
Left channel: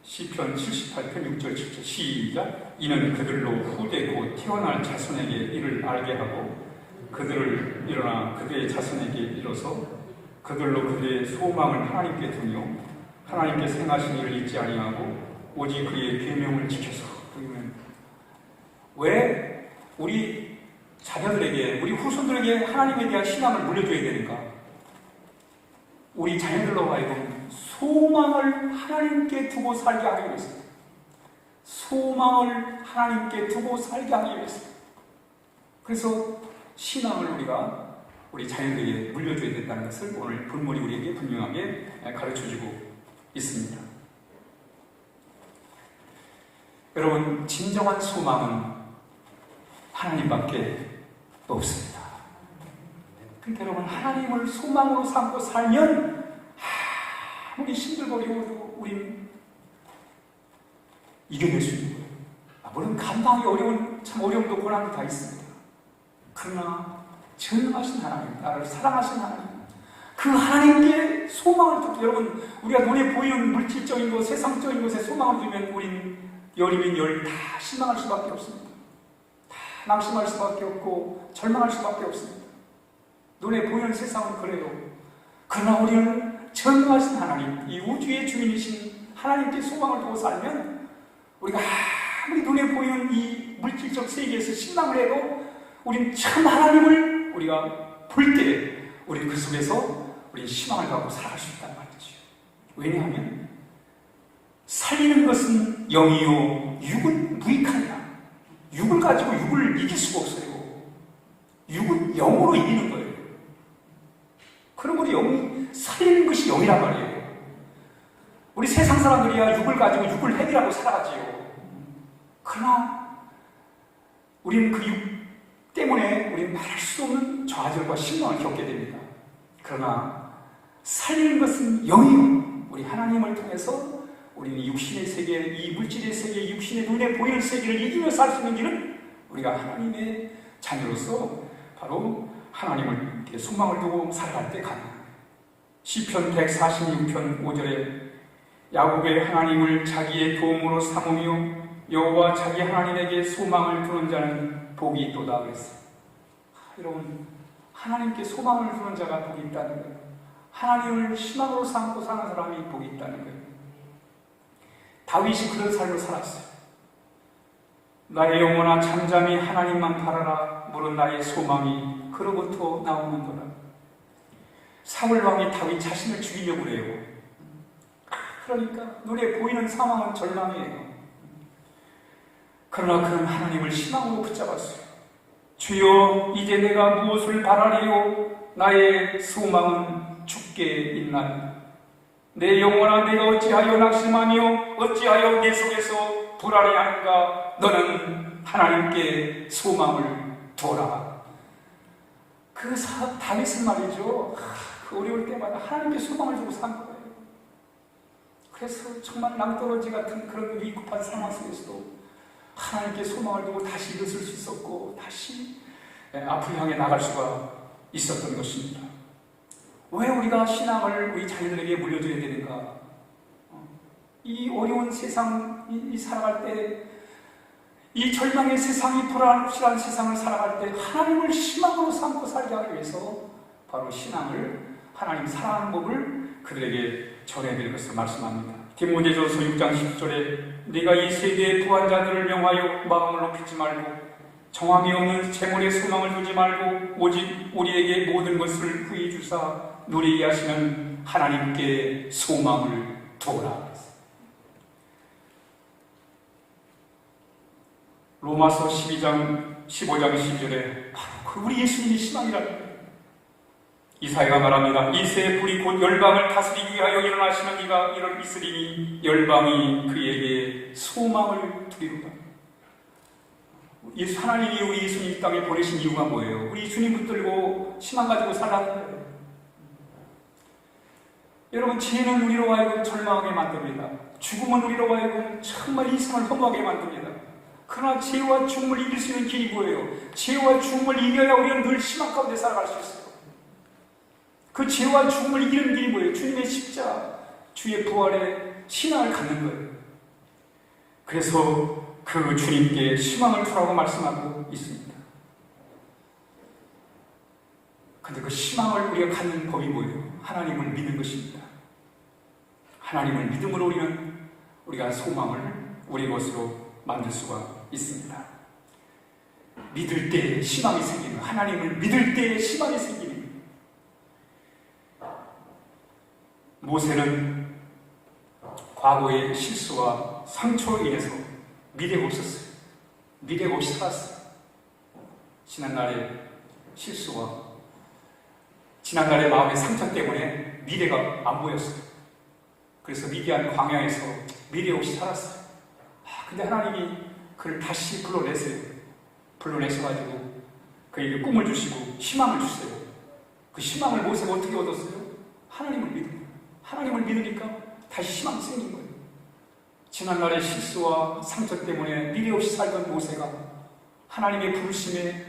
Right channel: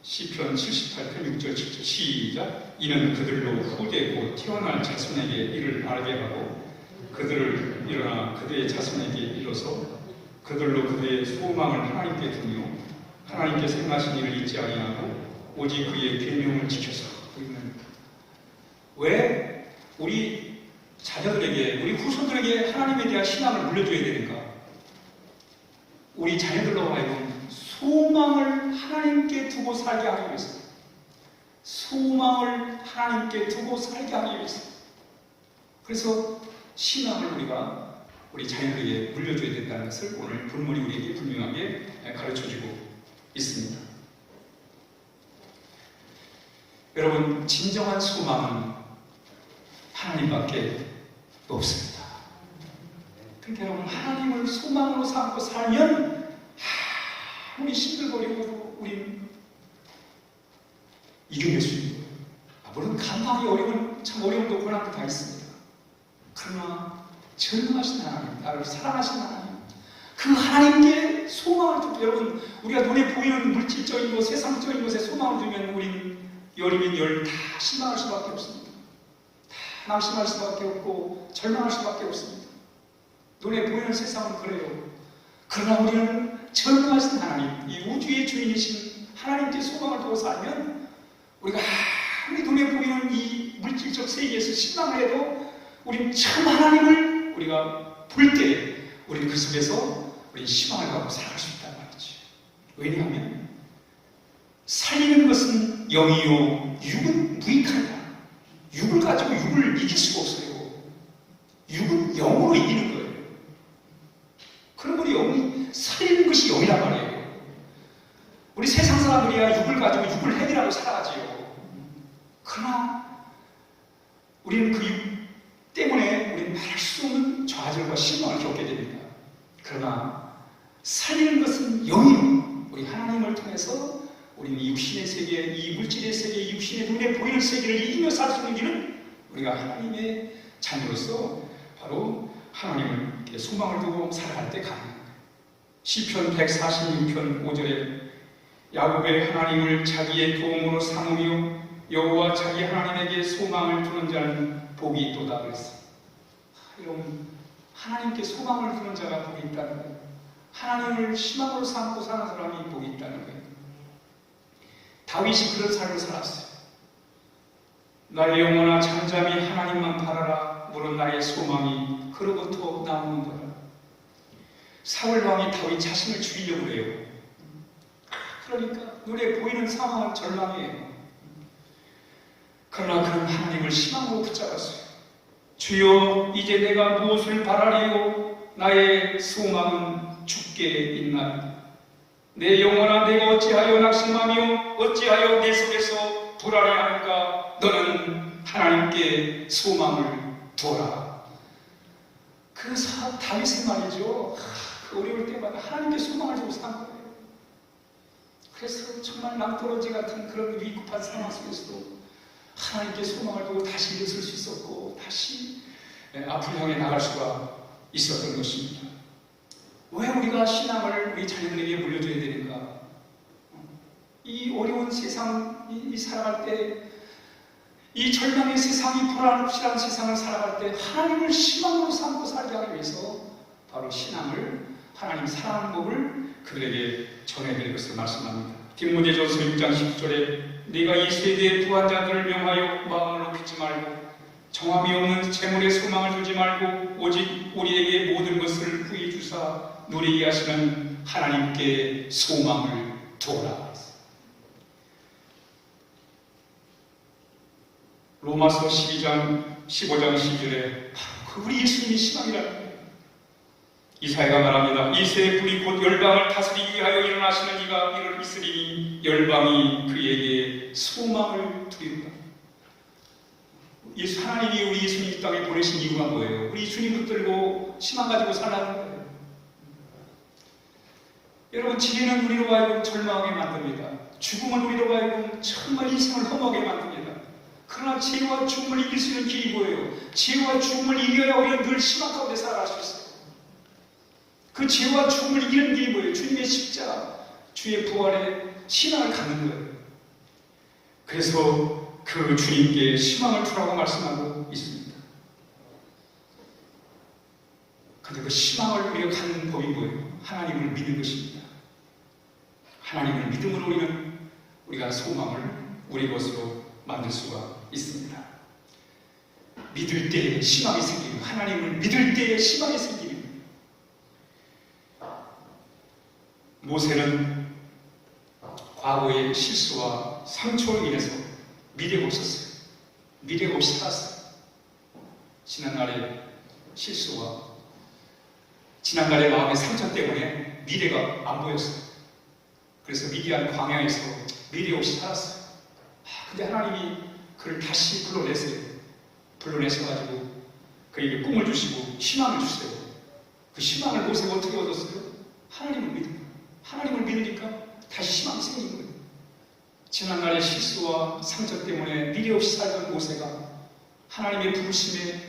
시편 78편 6절 7절 시작. 이는 그들로 후대 곧 태어날 자손에게 이를 알게 하고 그들을 일어나 그들의 자손에게 이뤄서 그들로 그들의 소망을 하나님께 두며 하나님께 행하신 일을 잊지 아니하고 오직 그의 계명을 지켜서. 왜 우리 자녀들에게, 우리 후손들에게 하나님에 대한 신앙을 물려줘야 되는가? 우리 자녀들로 하여금 소망을 하나님께 두고 살게 하기 위해서, 소망을 하나님께 두고 살게 하기 위해서. 그래서 신앙을 우리가 우리 자녀들에게 물려줘야 된다는 것을 오늘 본문이 우리에게 분명하게 가르쳐주고 있습니다. 여러분, 진정한 소망은 하나님밖에 없습니다. 그러니까 여러분, 하나님을 소망으로 삼고 살면 아무리 심정이 어려워도 우린 이겨낼 수 있는 거예요. 물론 감당이 어려운 참 어려움도 고난도 다 있습니다. 그러나 전능하신 하나님, 나를 사랑하신 하나님, 그 하나님께 소망을 두고, 여러분 우리가 눈에 보이는 물질적인 것, 세상적인 것에 소망을 두면 우린 열이면 열 다 실망할 수밖에 없습니다. 다 낙심할 수밖에 없고 절망할 수밖에 없습니다. 눈에 보이는 세상은 그래요. 그러나 우리는 전능하신 하나님, 이 우주의 주인이신 하나님께 소망을 두고 살면 우리가 아무리 눈에 보이는 이 물질적 세계에서 실망을 해도 우리는 참 하나님을 우리가 볼 때 우리는 그 속에서 우리 희망을 갖고 살아갈 수 있다는 말이죠. 왜냐하면 살리는 것은 영이요 육은 무익하냐. 육을 가지고 육을 이길 수가 없어요. 육은 영으로 이기는 거예요. 그럼 우리 영이 살리는 것이 영이란 말이에요. 우리 세상 사람들이야 육을 가지고 육을 해결하고 살아가지요. 그러나 우리는 그 육 때문에 우리는 말할 수 없는 좌절과 실망을 겪게 됩니다. 그러나 살리는 것은 영이요. 우리 하나님을 통해서 우리는 육신의 세계, 이 물질의 세계, 육신의 눈에 보이는 세계를 이기며 살 수 있는 길은 우리가 하나님의 자녀로서 바로 하나님을 소망을 두고 살아갈 때 가능합니다. 시편 146편 5절에 야곱의 하나님을 자기의 도움으로 삼으며 여호와 자기 하나님에게 소망을 두는 자는 복이 있도다 그랬어요. 여러분, 하나님께 소망을 두는 자가 복이 있다는 거예요. 하나님을 희망으로 삼고 사는 사람이 복이 있다는 거예요. 다윗이 그런 삶을 살았어요. 나의 영혼아 잠잠히 하나님만 바라라. 물은 나의 소망이 그로부터 나오는도다. 사울 왕이 다윗 자신을 죽이려고 해요. 그러니까 눈에 보이는 상황은 절망이에요. 그러나 그는 하나님을 희망으로 붙잡았어요. 주여, 이제 내가 무엇을 바라리요? 나의 소망은 주께 있나이다. 내 영혼아, 내가 어찌하여 낙심하며 어찌하여 내 속에서 불안해하는가? 너는 하나님께 소망을 두어라. 그 다윗은 말이죠, 그 어려울 때마다 하나님께 소망을 두고 산 거예요. 그래서 정말 낭떠러지 같은 그런 위급한 상황 속에서도 하나님께 소망을 두고 다시 일어설 수 있었고 다시 앞을 향해 나갈 수가 있었던 것입니다. 왜 우리가 신앙을 우리 자녀들에게 물려줘야 되는가? 이 어려운 세상, 이 살아갈 때, 이 절망의 세상, 이 불확실한 세상을 살아갈 때 하나님을 희망으로 삼고 살게 하기 위해서 바로 신앙을, 하나님 사랑하는 법을 그들에게 전해드릴 것을 말씀합니다. 디모데전서 6장 10절에 네가 이 세대의 부한 자들을 명하여 마음을 높이지 말고 정함이 없는 재물에 소망을 두지 말고 오직 우리에게 모든 것을 후히 주사 누리게 하시는 하나님께 소망을 두어라. 로마서 12장 15장 12절에 우리 예수님이 희망이라는 거예요. 이사야가 말합니다. 이 새 불이 곧 열방을 다스리기 위하여 일어나시는 이가 이를 있으리니 열방이 그에게 소망을 두리로다. 하나님이 우리 예수님 이 땅에 보내신 이유가 뭐예요? 우리 주님 붙들고 희망 가지고 살라는 거예요. 여러분, 진리는 우리로 하여금 절망하게 만듭니다. 죽음은 우리로 하여금 정말 인생을 허무하게 만듭니다. 그러나 죄와 죽음을 이길 수 있는 길이 뭐예요? 죄와 죽음을 이겨야 우리는 늘 희망 가운데 살아갈 수 있어요. 그 죄와 죽음을 이기는 길이 뭐예요? 주님의 십자가, 주의 부활의 신앙을 갖는 거예요. 그래서 그 주님께 희망을 두라고 말씀하고 있습니다. 그런데 그 희망을 우리가 갖는 법이 뭐예요? 하나님을 믿는 것입니다. 하나님을 믿음으로 우리가 소망을 우리 것으로 만들 수가 있습니다. 믿을 때 희망이 생기는, 하나님을 믿을 때 희망이 생기는. 모세는 과거의 실수와 상처로 인해서 미래가 없었어요. 미래가 없이 살았어요. 지난날의 실수와 지난날의 마음의 상처 때문에 미래가 안 보였어요. 그래서 미디안 광야에서 미래 없이 살았어요. 근데 하나님이 그를 다시 불러내세요. 불러내셔가지고 그에게 꿈을 주시고 희망을 주세요. 그 희망을 모세가 어떻게 얻었어요? 하나님을 믿은 거예요. 하나님을 믿으니까 다시 희망이 생긴 거예요. 지난날의 실수와 상처 때문에 미래 없이 살던 모세가 하나님의 부르심에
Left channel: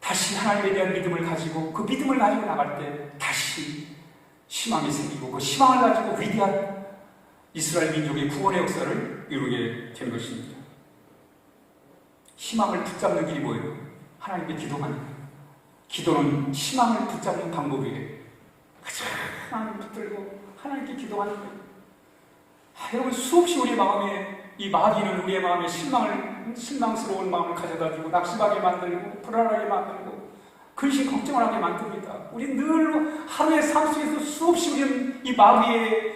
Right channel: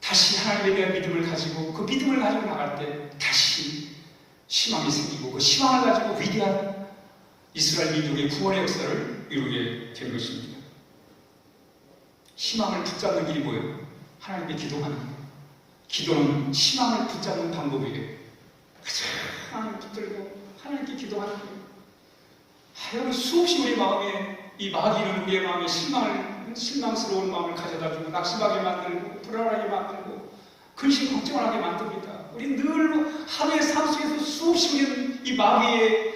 다시 하나님에 대한 믿음을 가지고 그 믿음을 가지고 나갈 때 다시 희망이 생기고 그 희망을 가지고 위대한 이스라엘 민족의 구원의 역사를 이루게 된 것입니다. 희망을 붙잡는 길이 뭐예요? 하나님께 기도하는 거예요. 기도는 희망을 붙잡는 방법이에요. 하나님 붙들고 하나님께 기도하는 거예요. 여러분, 수없이 우리 마음에 이 마귀는 우리의 마음에 실망스러운 마음을 가져다주고 낙심하게 만들고 불안하게 만들고 근심 걱정을 하게 만듭니다. 우리 늘 하루의 삶 속에서 수없이 우리는 이 마귀의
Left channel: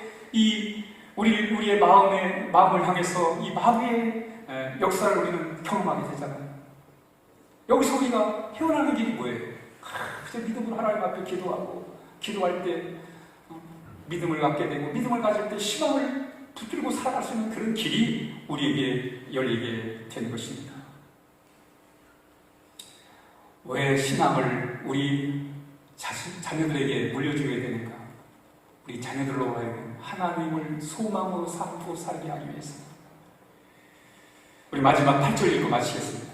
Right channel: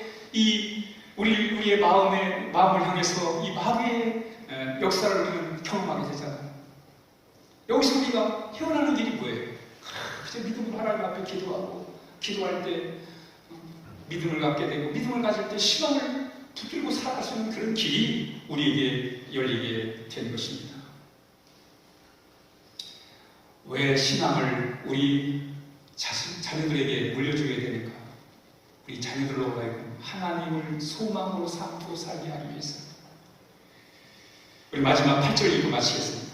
우리의 마음을 향해서 이 마귀의 역사를 우리는 경험하게 되잖아요. 여기서 우리가 헤어나는 길이 뭐예요? 그저 믿음으로 하나님 앞에 기도하고 기도할 때 믿음을 갖게 되고 믿음을 가질 때 희망을 붙들고 살아갈 수 있는 그런 길이 우리에게 열리게 되는 것입니다. 왜 신앙을 우리 자녀들에게 물려주게 되는가? 우리 자녀들로 하여금 하나님을 소망으로 삼고 살게 하기 위해서. 우리 마지막 8절 읽고 마치겠습니다.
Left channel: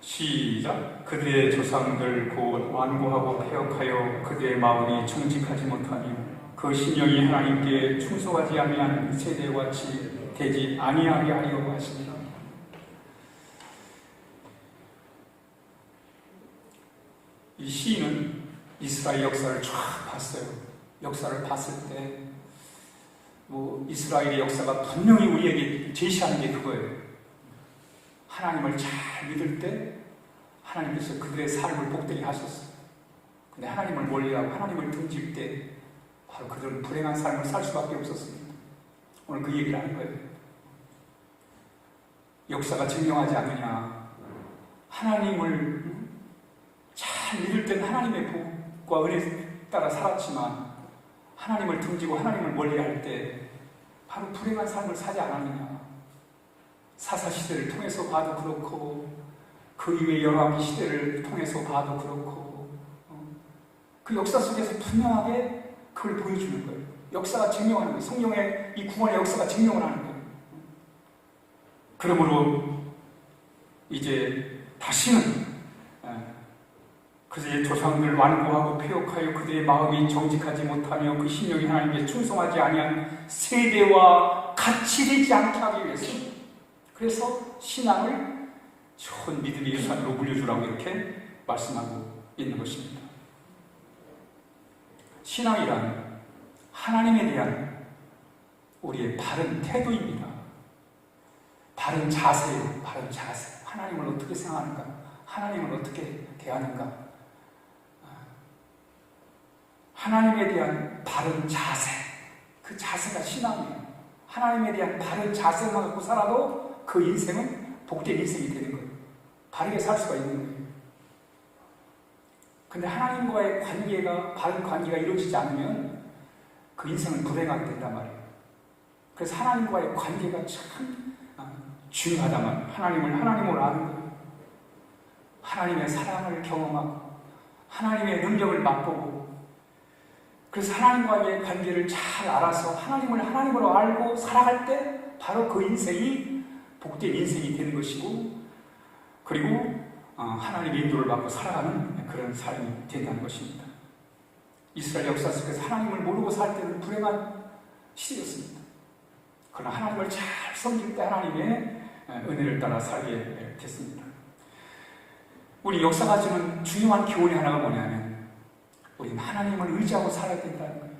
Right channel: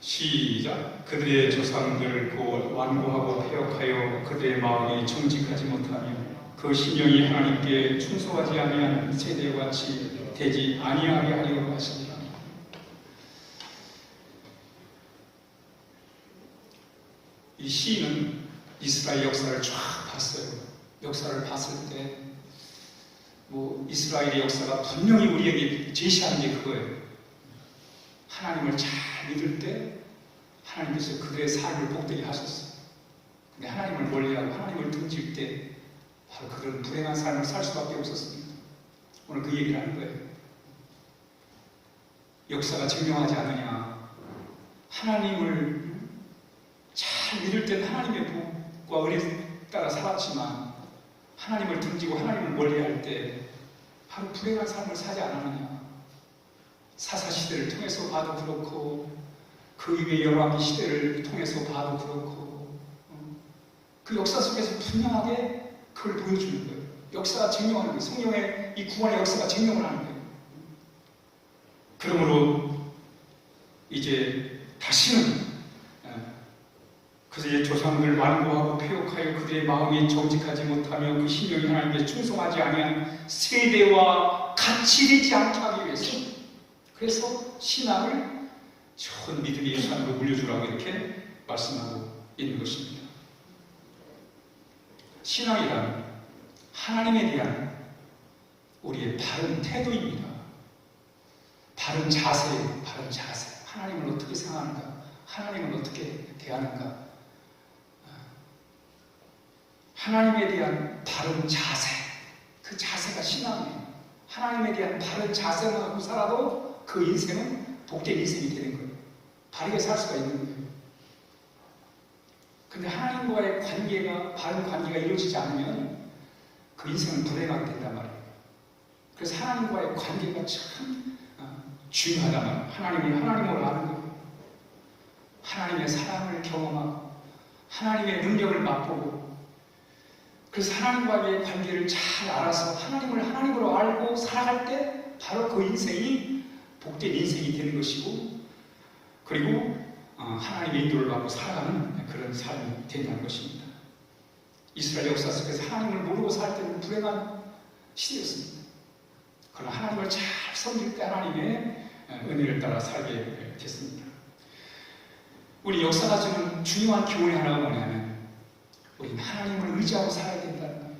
시작. 그들의 조상들 곧 완고하고 패역하여 그들의 마음이 정직하지 못하며 그 심령이 하나님께 충성하지 아니한 세대와 같이 되지 아니하게 하려고 하시니라. 이 시인은 이스라엘 역사를 쫙 봤어요. 역사를 봤을 때 이스라엘의 역사가 분명히 우리에게 제시하는 게 그거예요. 하나님을 잘 믿을 때 하나님께서 그들의 삶을 복되게 하셨어요. 근데 하나님을 멀리하고 하나님을 등질 때 바로 그들은 불행한 삶을 살 수밖에 없었습니다. 오늘 그 얘기를 하는 거예요. 역사가 증명하지 않느냐. 하나님을 잘 믿을 때는 하나님의 복과 은혜에 따라 살았지만 하나님을 등지고 하나님을 멀리할 때 바로 불행한 삶을 사지 않았느냐. 사사시대를 통해서 봐도 그렇고 그 이후의 열왕기 시대를 통해서 봐도 그렇고 그 역사 속에서 분명하게 그걸 보여주는 거예요. 역사가 증명하는 거예요. 성령의 이 구원의 역사가 증명을 하는 거예요. 그러므로 이제 다시는 그들의 조상들 완고하고 패역하여 그들의 마음이 정직하지 못하며 그 심령이 하나님께 충성하지 아니한 세대와 같이 되지 않게 하기 위해서 그래서 신앙을 좋은 믿음의 유산으로 물려주라고 이렇게 말씀하고 있는 것입니다. 신앙이란 하나님에 대한 우리의 바른 태도입니다. 바른 자세예요. 바른 자세. 하나님을 어떻게 생각하는가? 하나님을 어떻게 대하는가? 하나님에 대한 바른 자세. 그 자세가 신앙이에요. 하나님에 대한 바른 자세만 갖고 살아도 그 인생은 복된 인생이 되는 거예요. 바르게 살 수가 있는 거예요. 근데 하나님과의 관계가 바른 관계가 이루어지지 않으면 그 인생은 불행하게 된단 말이에요. 그래서 하나님과의 관계가 참 중요하단 말이에요. 하나님을 하나님으로 아는 거예요. 하나님의 사랑을 경험하고 하나님의 능력을 맛보고 그래서 하나님과의 관계를 잘 알아서 하나님을 하나님으로 알고 살아갈 때 바로 그 인생이 복된 인생이 되는 것이고 그리고 하나님의 인도를 받고 살아가는 그런 삶이 된다는 것입니다. 이스라엘 역사 속에서 하나님을 모르고 살 때는 불행한 시대였습니다. 그러나 하나님을 잘 섬길 때 하나님의 은혜를 따라 살게 됐습니다. 우리 역사가 주는 중요한 교훈이 하나가 뭐냐면 우리는 하나님을 의지하고 살아야 된다는 거예요.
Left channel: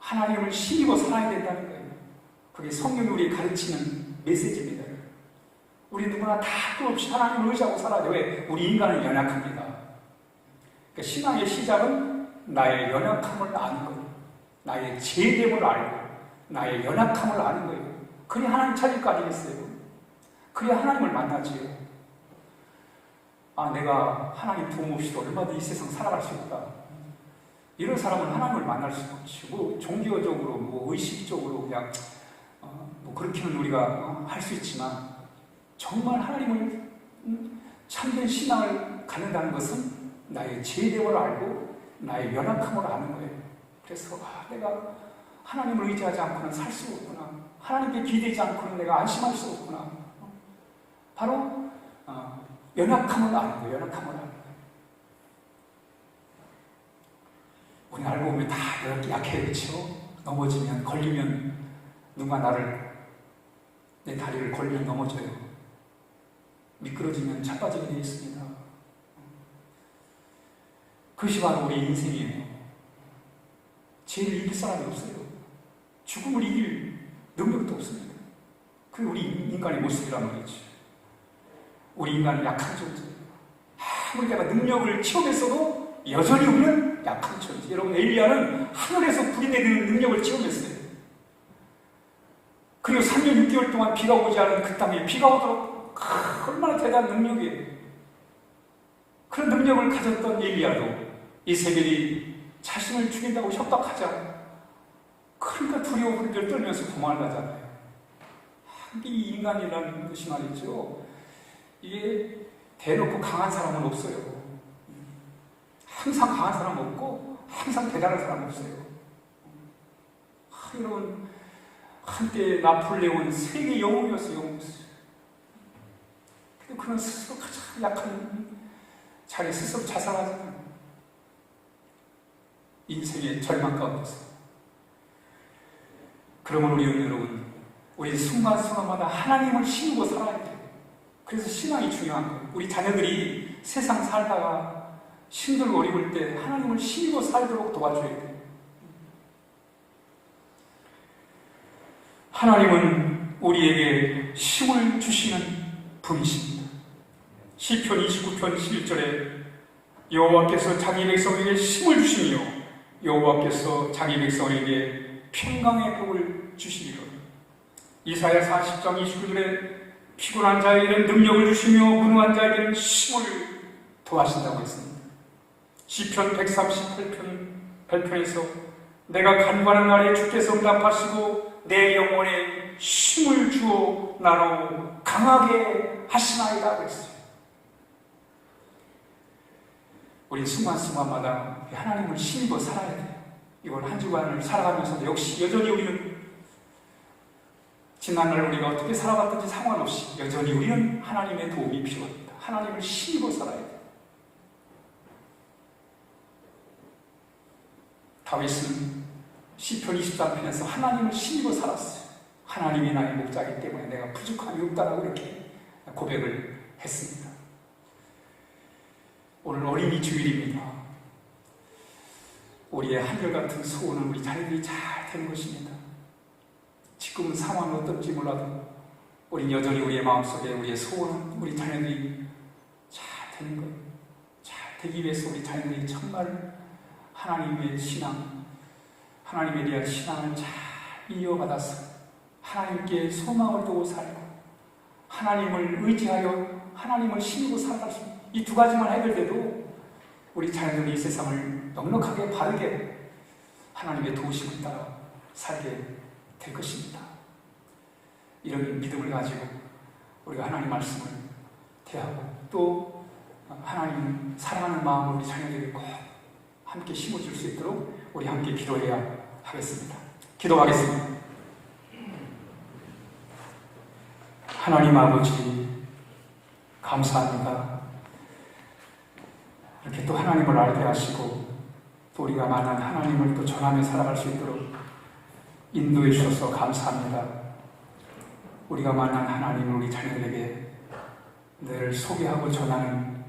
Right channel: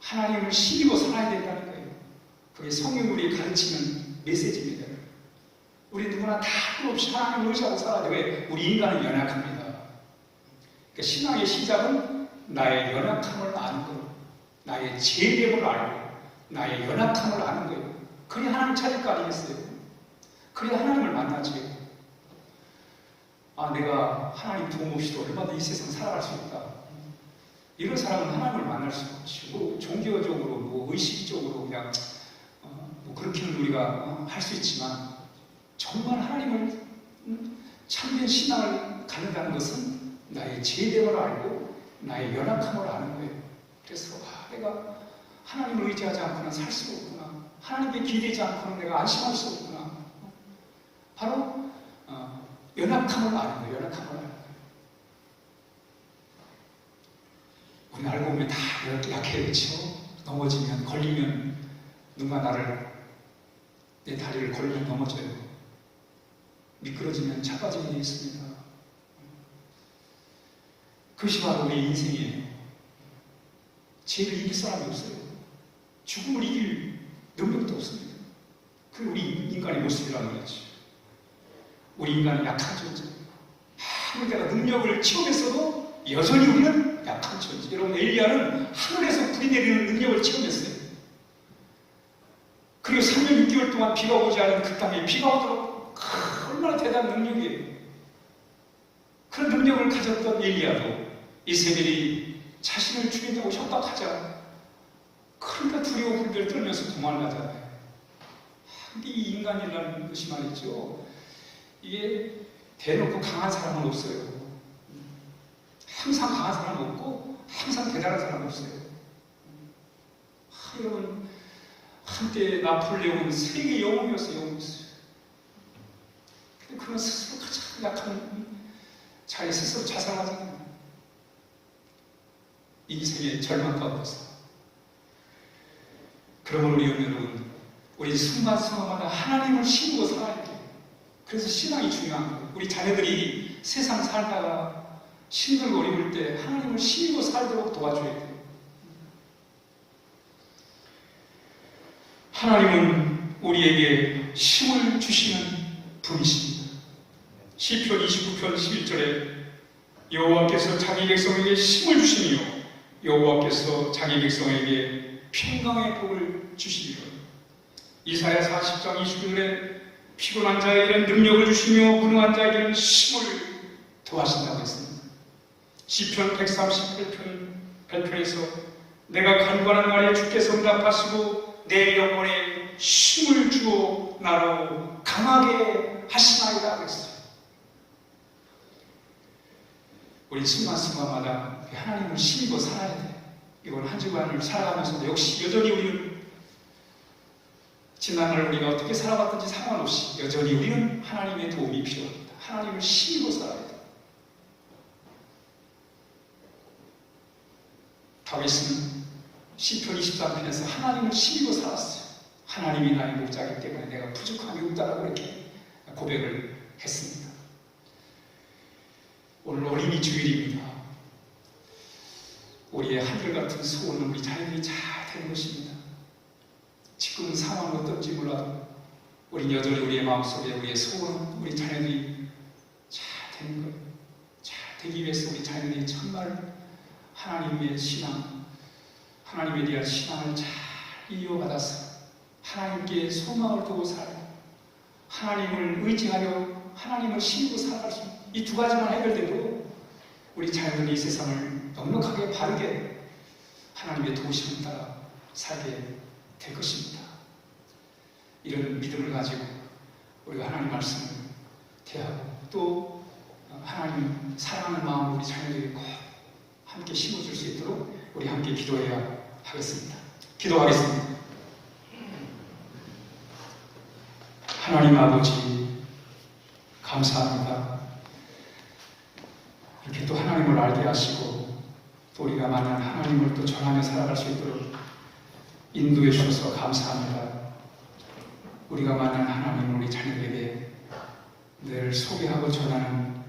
하나님을 힘입어 살아야 된다는 거예요. 그게 성경이 우리에게 가르치는 메시지입니다. 우리 누구나 다 끊임없이 하나님을 의지하고 살아야 돼요. 왜? 우리 인간은 연약합니다. 그러니까 신앙의 시작은 나의 연약함을 아는 거예요. 나의 죄됨을 알고 나의 연약함을 아는 거예요. 그래야 하나님 찾을 거 아니겠어요? 그래야 하나님을 만나지요. 내가 하나님 도움 없이도 얼마나 이 세상 살아갈 수 있다. 이런 사람은 하나님을 만날 수가 없지. 종교적으로, 의식적으로 그냥 그렇게는 우리가 할 수 있지만 정말 하나님을 참된 신앙을 갖는다는 것은 나의 죄됨을 알고 나의 연약함을 아는 거예요. 그래서 내가 하나님을 의지하지 않고는 살 수 없구나. 하나님께 기대지 않고는 내가 안심할 수 없구나. 바로 연약함을 아는 거예요. 연약함을 아는 거예요. 우리 알고 보면 다 약해요. 그렇죠? 넘어지면, 걸리면 누가 내 다리를 걸리면 넘어져요. 미끄러지면 자빠지게 되어 있습니다. 그것이 바로 우리의 인생이에요. 죄를 이길 사람이 없어요. 죽음을 이길 능력도 없습니다. 그게 우리 인간의 모습이라는 거지. 우리 인간은 약한 존재예요. 아무리 내가 능력을 체험했어도 여전히 우리는 약한 존재. 여러분, 엘리야는 하늘에서 불이 내리는 능력을 체험했어요. 그리고 3년 6개월 동안 비가 오지 않은 그 땅에 비가 오도록 얼마나 대단한 능력이에요. 그런 능력을 가졌던 엘리야도 이세벨이 자신을 죽인다고 협박하자 그러니까 두려워 불들 떨면서 도망가잖아요. 이 인간이라는 것이 말이죠. 이게 대놓고 강한 사람은 없어요. 항상 강한 사람은 없고 항상 대단한 사람은 없어요. 여러분, 한때 나폴레온 세계 영웅이었어요. 근데 그런 스스로 가장 약한 자기 스스로 자살하잖아요. 인생의 절망 가운데서. 그러면 여러분, 우리 순간순간마다 하나님을 신고 살아야 돼요. 그래서 신앙이 중요한 거예요. 우리 자녀들이 세상 살다가 힘들고 어려울 때 하나님을 신고 살도록 도와줘야 돼요. 하나님은 우리에게 힘을 주시는 분이십니다. 시편 29편 11절에 여호와께서 자기 백성에게 힘을 주시며 여호와께서 자기 백성에게 평강의 복을 주시리라. 이사야 40장 29절에 피곤한 자에게는 능력을 주시며 무능한 자에게는 힘을 더하신다고 했습니다. 시편 138편 8편에서 내가 간구하는 날에 주께서 응답하시고 내 영혼에 힘을 주어 나로 강하게 하시나이다 그랬어요. 우리 순간순간마다 하나님을 힘입어 살아야 돼요. 이번 한 주간을 살아가면서도 역시 여전히 우리는 지난날 우리가 어떻게 살아갔든지 상관없이 여전히 우리는 하나님의 도움이 필요합니다. 하나님을 힘입어 살아야 돼요. 다윗은 시편 23편에서 하나님을 힘입어 살았어요. 하나님이 나의 목자이기 때문에 내가 부족함이 없다고 이렇게 고백을 했습니다. 오늘 어린이 주일입니다. 우리의 한결같은 소원은 우리 자녀들이 잘 되는 것입니다. 지금은 상황은 어떨지 몰라도 우린 여전히 우리의 마음속에 우리의 소원은 우리 자녀들이 잘 되는 거예요. 잘 되기 위해서 우리 자녀들이 정말 하나님의 신앙, 하나님에 대한 신앙을 잘 이어받아서 하나님께 소망을 두고 살고 하나님을 의지하여 하나님을 신고 살아갈 수 있는 이 두 가지만 해결돼도 우리 자녀들이 이 세상을 넉넉하게 바르게 하나님의 도우심을 따라 살게 될 것입니다. 이런 믿음을 가지고 우리가 하나님 말씀을 대하고 또 하나님 사랑하는 마음으로 우리 자녀들이 꼭 함께 심어줄 수 있도록 우리 함께 기도해야 하겠습니다. 기도하겠습니다. 하나님 아버지 감사합니다. 이렇게 또 하나님을 알게 하시고 또 우리가 많은 하나님을 또 전하며 살아갈 수 있도록 인도해 주셔서 감사합니다. 우리가 많은 하나님을 우리 자녀들에게 늘 소개하고 전하는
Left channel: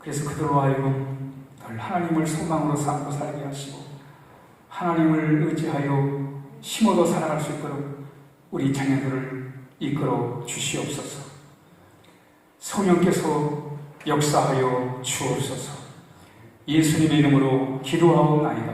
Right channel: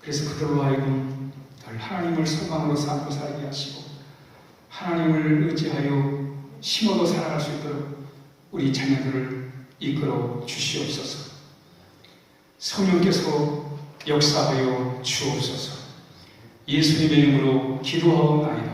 그래서 그들로 하여금 늘 하나님을 소망으로 삼고 살게 하시고 하나님을 의지하여 힘으로 살아갈 수 있도록 우리 자녀들을 이끌어 주시옵소서. 성령께서 역사하여 주옵소서. 예수님의 이름으로 기도하옵나이다.